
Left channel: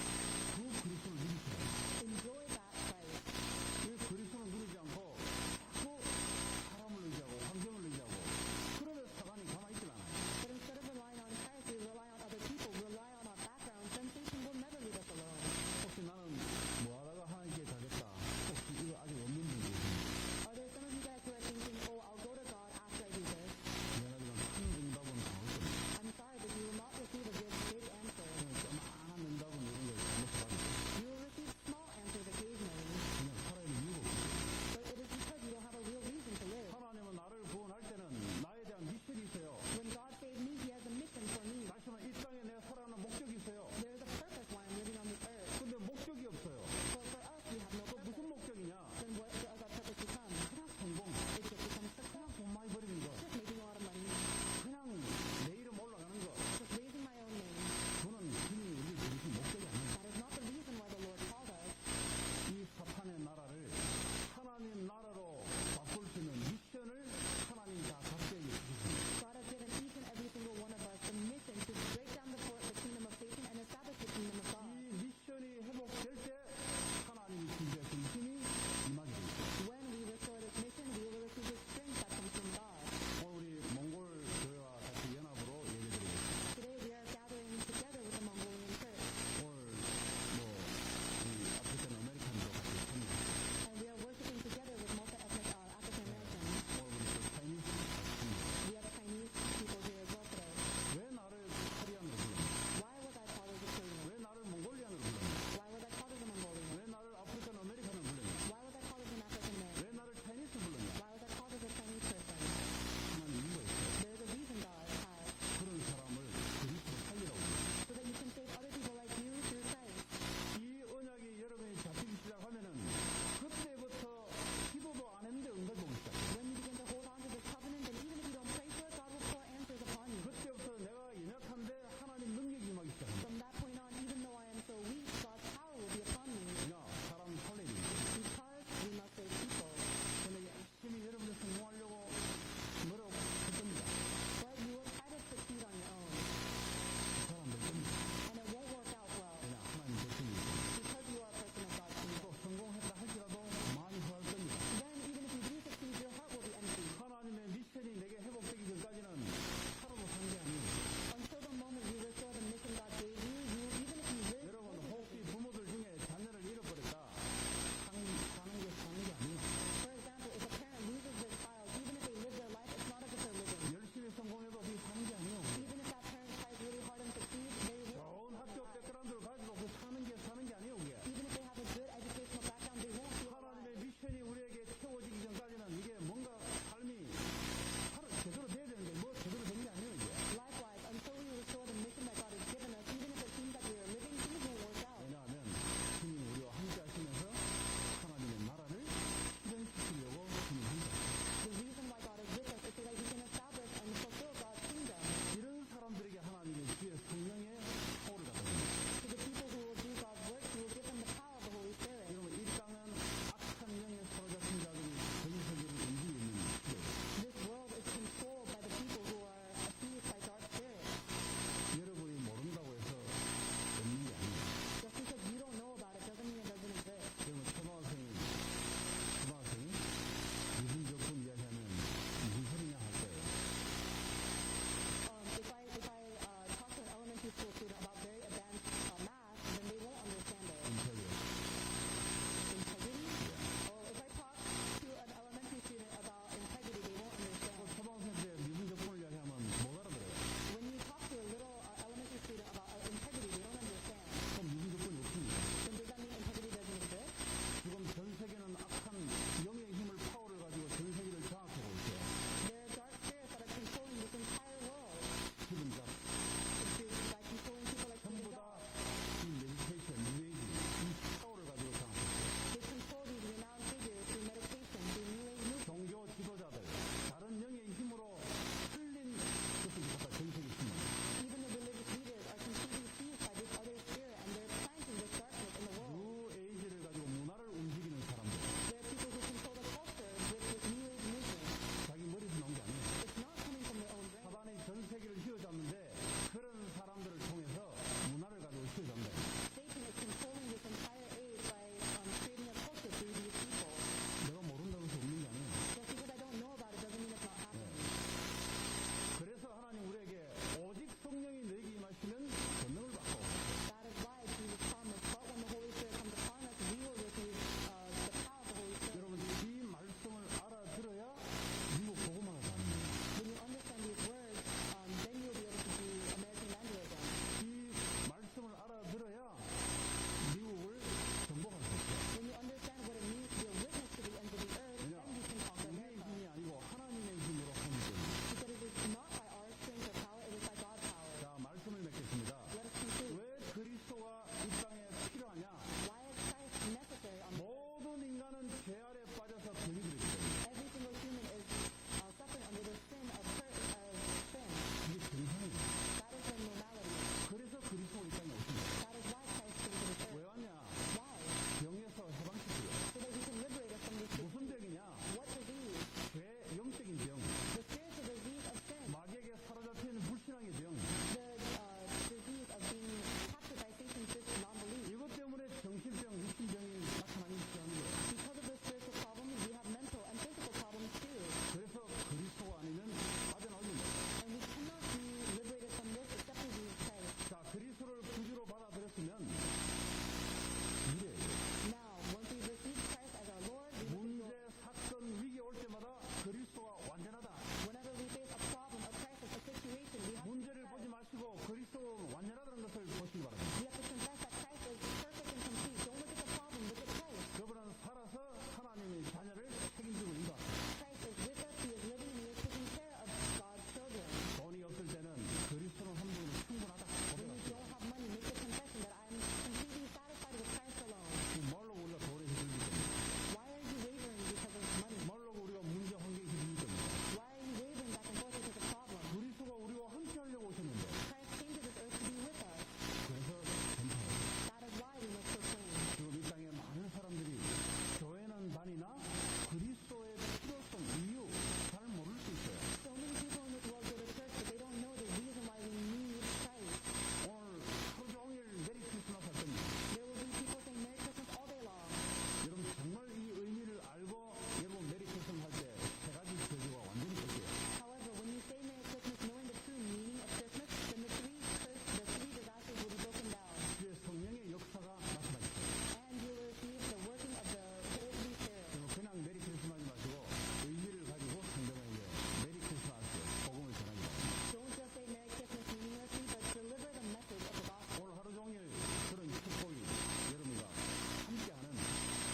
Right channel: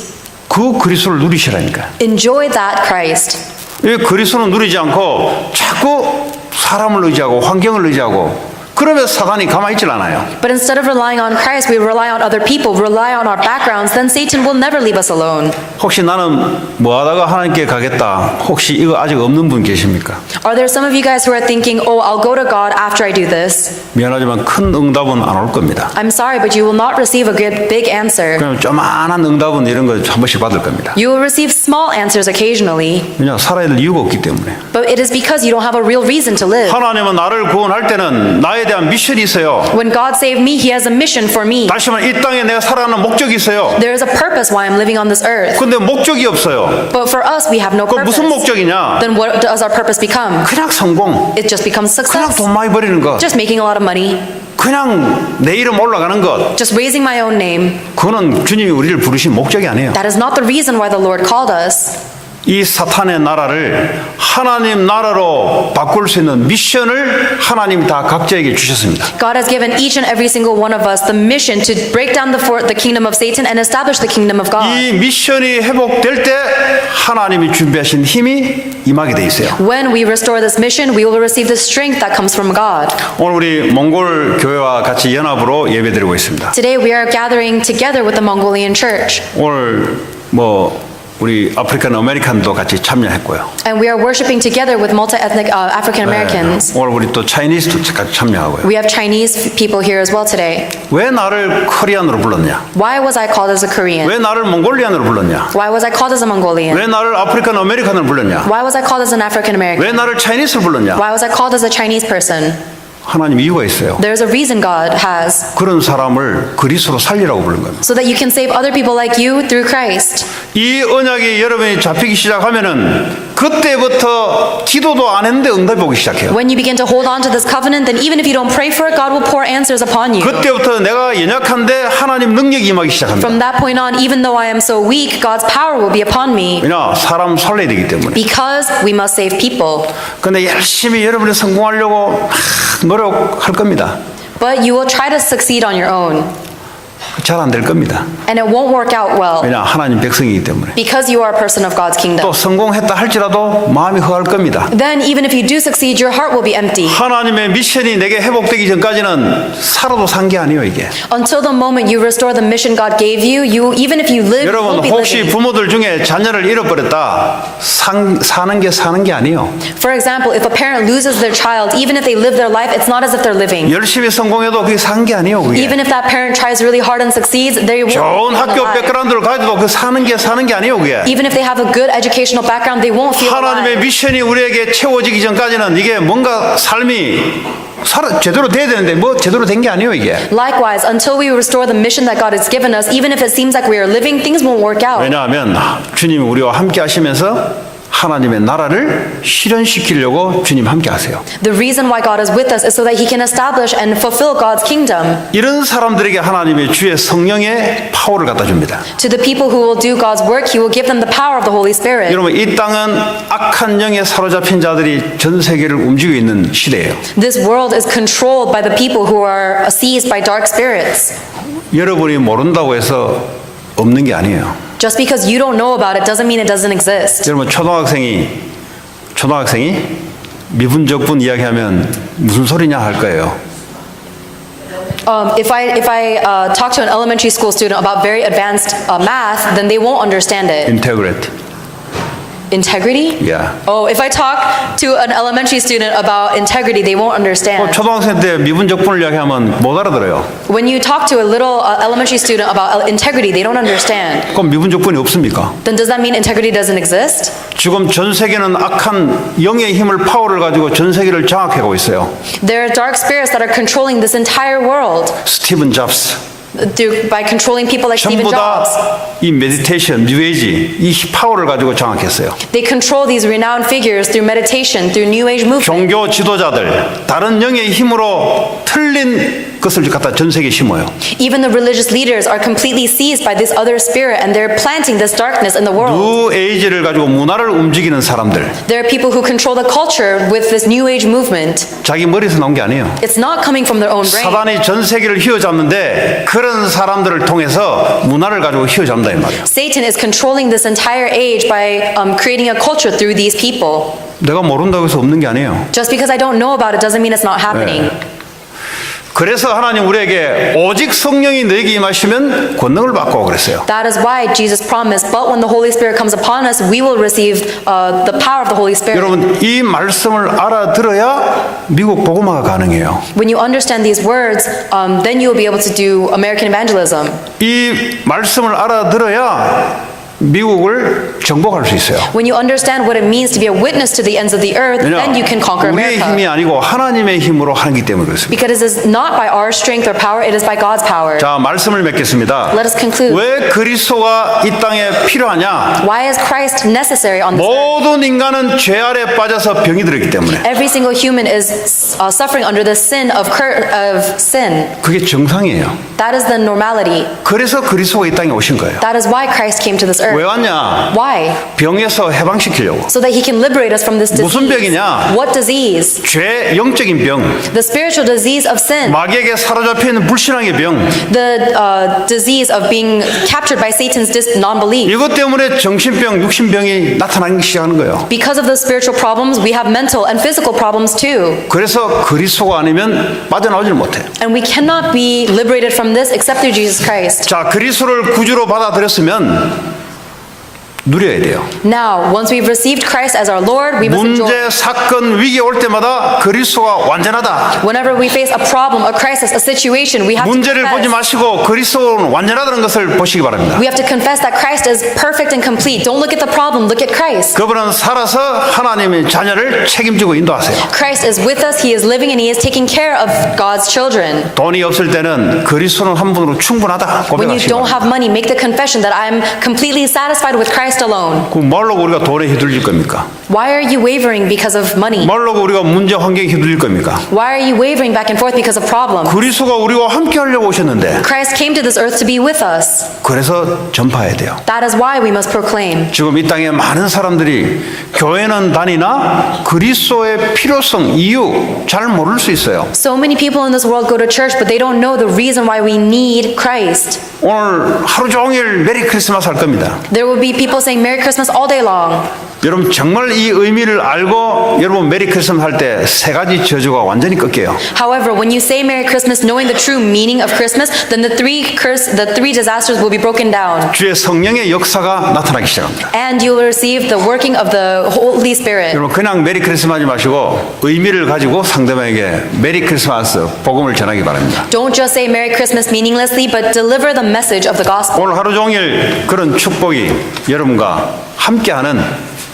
그 그리스도를 누리시라니까. Enjoy that Christ. 이 그리스도는 누리지 않고 자꾸 사람을 의지하고 환경을 의지하고 그러면 사단이 가만히 있질 않아요. But instead of relying on Christ, we rely on other people, rely on our backgrounds, then Satan will never leave us alone. 혹시 나는 뭐 하다가 하나님께 가겠다. 혹시 이거 아직 없는 분 계십니까? Are there some of you guys who are thinking, oh, I'll go to God after I do this? 미안하지만 큰 응답은 안 올 겁니다. I'm sorry, but you will not receive a good big answer. 그냥 조만한 응답은 이런 거 한 번씩 받을 겁니다. You will receive small answers occasionally, 왜냐 살아야 될 이유가 없기 때문에. but it is because you don't have a real reason to live. 하나님은 나를 구원할 때는 나에 대한 미션이 있어요. When God saved me, He has a mission for me. 다시 말해 이 땅에 내가 살아가는 목적이 있어요. There is a purpose why I'm living on this earth. 근데 목적이 없어요. But for us, we have no 그 purpose. 무슨 목적이냐? Then what does our purpose become? 그냥 성공, It just becomes 그냥 success. 돈 많이 버리는 것, Just making a lot of money. 그냥 내 이름 올라가는 것. Just raising my own name. 그거는 주님이 우리를 부르신 목적이 아니에요. That is not the reason why the Lord called us. 이 사탄의 나라를 하나님 나라로 바꿀 수 있는 미션을 하나님 다 각자에게 주셨습니다. God has given each and every single one of us the mission to break down the kingdom of Satan and establish the kingdom of God. 이 미션이 회복될 때 하나님이 준비하신 힘이 임하게 돼 있어요. When we restore this mission, we will receive the strength that comes from God. 오늘 우리 몽골 교회와 같이 연합으로 예배드리고 있습니다. Today we are gathering together with the Mongolian church. 오늘 우리 아프리칸 아메리칸도 같이 참여했고요. And we are worshiping together with multi-ethnic African Americans. 오늘 우리 또 차이니스도 같이 참여하고요. We have Chinese people here as well today. 왜 나를 코리안으로 불렀냐? Why was I called as a Korean? 왜 나를 몽골리안으로 불렀냐? Why was I called as a Mongolian? 왜 나를 아프리칸 아메리칸으로 불렀냐? Why was I called as an African American? 왜 나를 차이니스로 불렀냐? Why was I called as a Chinese person? 하나님 이유가 있어요. There's a reason God has. 그런 사람을 그리스도로 살리라고 부른 겁니다. So that you can save other people like you through Christ. 이 언약이 여러분이 잡히기 시작하면은 그때부터 기도도 안 했는데 응답이 오기 시작해요. When you begin to hold on to this covenant, then even if you don't pray for it, God will pour answers upon you. 그때부터 내가 연약한데 하나님 능력이 임하기 시작합니다. From that point on, even though I am so weak, God's power will be upon me. 왜냐 사람 살려야 되기 때문에. Because we must save people. 근데 열심히 여러분이 성공하려고 막 노력할 겁니다. But you will try to succeed on your own. 잘 안 될 겁니다. And it won't work out well. 왜냐 하나님 백성이기 때문에. Because you are a person of God's kingdom. 또 성공했다 할지라도 마음이 허할 겁니다. Then even if you do succeed, your heart will be empty. 하나님의 미션이 내게 회복되기 전까지는 살아도 산 게 아니에요 이게. Until the moment you restore the mission God gave you, even if you live, you 여러분 won't be 혹시 living. 부모들 중에 자녀를 잃어버렸다 사는 게 아니에요. For example, if a parent loses their child, even if they live their life, it's not as if they're living. 열심히 성공해도 그게 산 게 아니에요 그게. Even if that parent tries really hard and succeeds, they won't 좋은 feel 학교 alive. 백그라운드를 가지고 그 사는 게 아니에요 그게. Even if they have a good educational background, they won't feel 하나님의 alive. 미션이 우리에게 채워지기 전까지는 이게 뭔가 삶이 제대로 돼야 되는데 뭐 제대로 된 게 아니에요 이게. Likewise, until we restore the mission that God has given us, even if it seems like we are living, things won't work out. 왜냐하면 주님이 우리와 함께 하시면서 하나님의 나라를 실현시키려고 주님 함께 하세요. The reason why God is with us is so that He can establish and fulfill God's kingdom. 이런 사람들에게 하나님의 주의 성령의 파워를 갖다 줍니다. To the people who will do God's work, He will give them the power of the Holy Spirit. 여러분 이 땅은 악한 영에 사로잡힌 자들이 전 세계를 움직이고 있는 시대예요. This world is controlled by the people who are seized by dark spirits. 여러분이 모른다고 해서 없는 게 아니에요. Just because you don't know about it doesn't mean it doesn't exist. 여러분 초등학생이 미분적분 이야기하면 무슨 소리냐 할 거예요. If I talk to an elementary school student about very advanced math, then they won't understand it. 인테그레이트. Integrity? Yeah. Oh, if I talk to an elementary student about integrity, they won't understand. 초등학생 때 미분적분을 이야기하면 못 알아들어요. When you talk to a little elementary student about integrity, they don't understand. 그럼 미분적분이 없습니까? Then does that mean integrity doesn't exist? 지금 전 세계는 악한 영의 힘을 파워를 가지고 전 세계를 장악하고 있어요. There are dark spirits that are controlling this entire world 스티븐 잡스 by controlling people like Stephen 전부 Jobs. 다 이 메디테이션, 뉴에이지 이 파워를 가지고 장악했어요. They control these renowned figures through meditation, through New Age movement. 종교 지도자들 다른 영의 힘으로 틀린 것을 갖다 전 세계에 심어요. Even the religious leaders are completely seized by this other spirit and they're planting this darkness in the world. 뉴에이지를 가지고 문화를 움직이는 사람들 There are people who control the culture with this New Age movement. 자기 머리에서 나온 게 아니에요. It's not coming from their own brain. 사단이 전 세계를 휘어잡는데 그런 사람들을 통해서 문화를 가지고 휘어잡는다 이 말이에요. Satan is controlling this entire age by creating a culture through these people. 내가 모른다고 해서 없는 게 아니에요. Just because I don't know about it doesn't mean it's not happening. 그래서 하나님 우리에게 오직 성령이 너에게 임하시면 권능을 받고 그랬어요. That is why Jesus promised, but when the Holy Spirit comes upon us, we will receive the power of the Holy Spirit. 여러분 이 말씀을 알아들어야 미국 복음화가 가능해요. When you understand these words, then you will be able to do American evangelism. 이 말씀을 알아들어야 미국을 정복할 수 있어요. When you understand what it means to be a witness to the ends of the earth, then you can conquer 우리의 힘이 America. 아니고 하나님의 힘으로 하기 때문에 그렇습니다. Because it is not by our strength or power, it is by God's power. 자, 말씀을 맺겠습니다. Let us conclude. 왜 그리스도가 이 땅에 필요하냐? Why is Christ necessary on this earth? 모든 인간은 죄 아래 빠져서 병이 들었기 때문에 Every single human is suffering under the sin of sin. 그게 정상이에요. That is the normality. 그래서 그리스도가 이 땅에 오신 거예요. That is why Christ came to this earth. 왜 왔냐? Why? 병에서 해방시키려고. So that he can liberate us from this 무슨 disease. 병이냐? What disease? 죄, 영적인 병, The spiritual disease of sin. 마귀에게 사로잡혀 있는 불신앙의 병. The disease of being captured by Satan's non-belief. 이것 때문에 정신병, 육신병이 나타나기 시작하는 거예요. Because of the spiritual problems, we have mental and physical problems too. 그래서 그리스도가 아니면 빠져나오질 못해. And we cannot be liberated from this except through Jesus Christ. 자, 그리스도를 구주로 받아들였으면 누려야 돼요. Now, once we've received Christ as our Lord, we must enjoy. 문제, 사건, 위기 올 때마다 그리스도가 완전하다. Whenever we face a problem, a crisis, a situation, we have to 문제를 보지 confess. 마시고 그리스도는 완전하다는 것을 보시기 바랍니다. We have to confess that Christ is perfect and complete. Don't look at the problem, look at Christ. 그분은 살아서 하나님의 자녀를 책임지고 인도하세요. Christ is with us, He is living, and He is taking care of God's children. 돈이 없을 때는 그리스도는 한 분으로 충분하다 When you 고백하시기 don't 바랍니다. have money, make the confession that I'm completely satisfied with Christ alone. 그 뭘로 우리가 돈에 휘둘릴 겁니까? Why are you wavering because of money? 뭘로 우리가 문제 환경에 휘둘릴 겁니까? Why are you wavering back and forth because of problems? 그리스도가 우리와 함께 하려고 오셨는데 Christ came to this earth to be with us. 그래서 전파해야 돼요. That is why we must proclaim. 지금 이 땅에 많은 사람들이 교회는 다니나 그리스도의 필요성, 이유 잘 모를 수 있어요. So many people in this world go to church, but they don't know the reason why we need Christ. 오늘 하루 종일 메리 크리스마스 할 겁니다. There will be people saying Merry Christmas all day long. 여러분 정말 이 의미를 알고 여러분 메리 크리스마스 할 때 세 가지 저주가 완전히 꺾여요. However, when you say Merry Christmas knowing the true meaning of Christmas, then the three disasters will be broken down. 주의 성령의 역사가 나타나기 시작합니다. And you will receive the working of the Holy Spirit. 여러분 그냥 메리 크리스마스 하지 마시고 의미를 가지고 상대방에게 메리 크리스마스 복음을 전하기 바랍니다. Don't just say Merry Christmas meaninglessly, but deliver the message of the gospel. 오늘 하루 종일 그런 축복이 여러분과 함께하는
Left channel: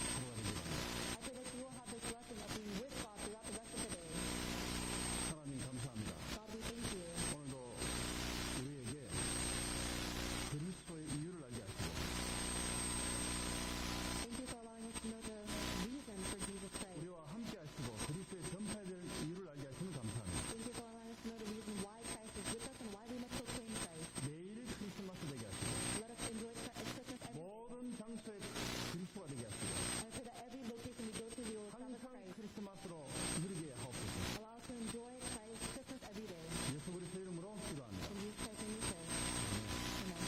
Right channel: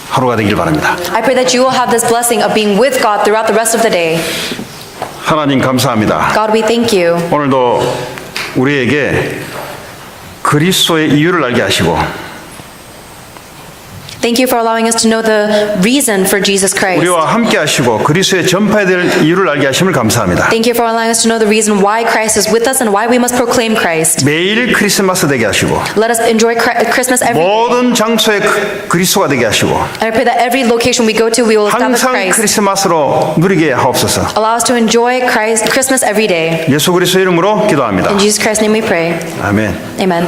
하루가 되길 바랍니다. I pray that you will have this blessing of being with God throughout the rest of the day. 하나님 감사합니다. God, we thank you. 오늘도 우리에게 그리스도의 이유를 알게 하시고 Thank you for allowing us to know the reason for Jesus Christ. 우리와 함께 하시고 그리스도의 전파해야 될 이유를 알게 하심을 감사합니다. Thank you for allowing us to know the reason why Christ is with us and why we must proclaim Christ. 매일 크리스마스 되게 하시고 Let us enjoy Christmas every day. 모든 장소에 그리스도가 되게 하시고 And I pray that every location we go to, we will establish 항상 Christ. 크리스마스로 누리게 하옵소서. Allow us to enjoy Christmas every day. 예수 그리스도 이름으로 기도합니다. In Jesus Christ's name we pray. 아멘. Amen.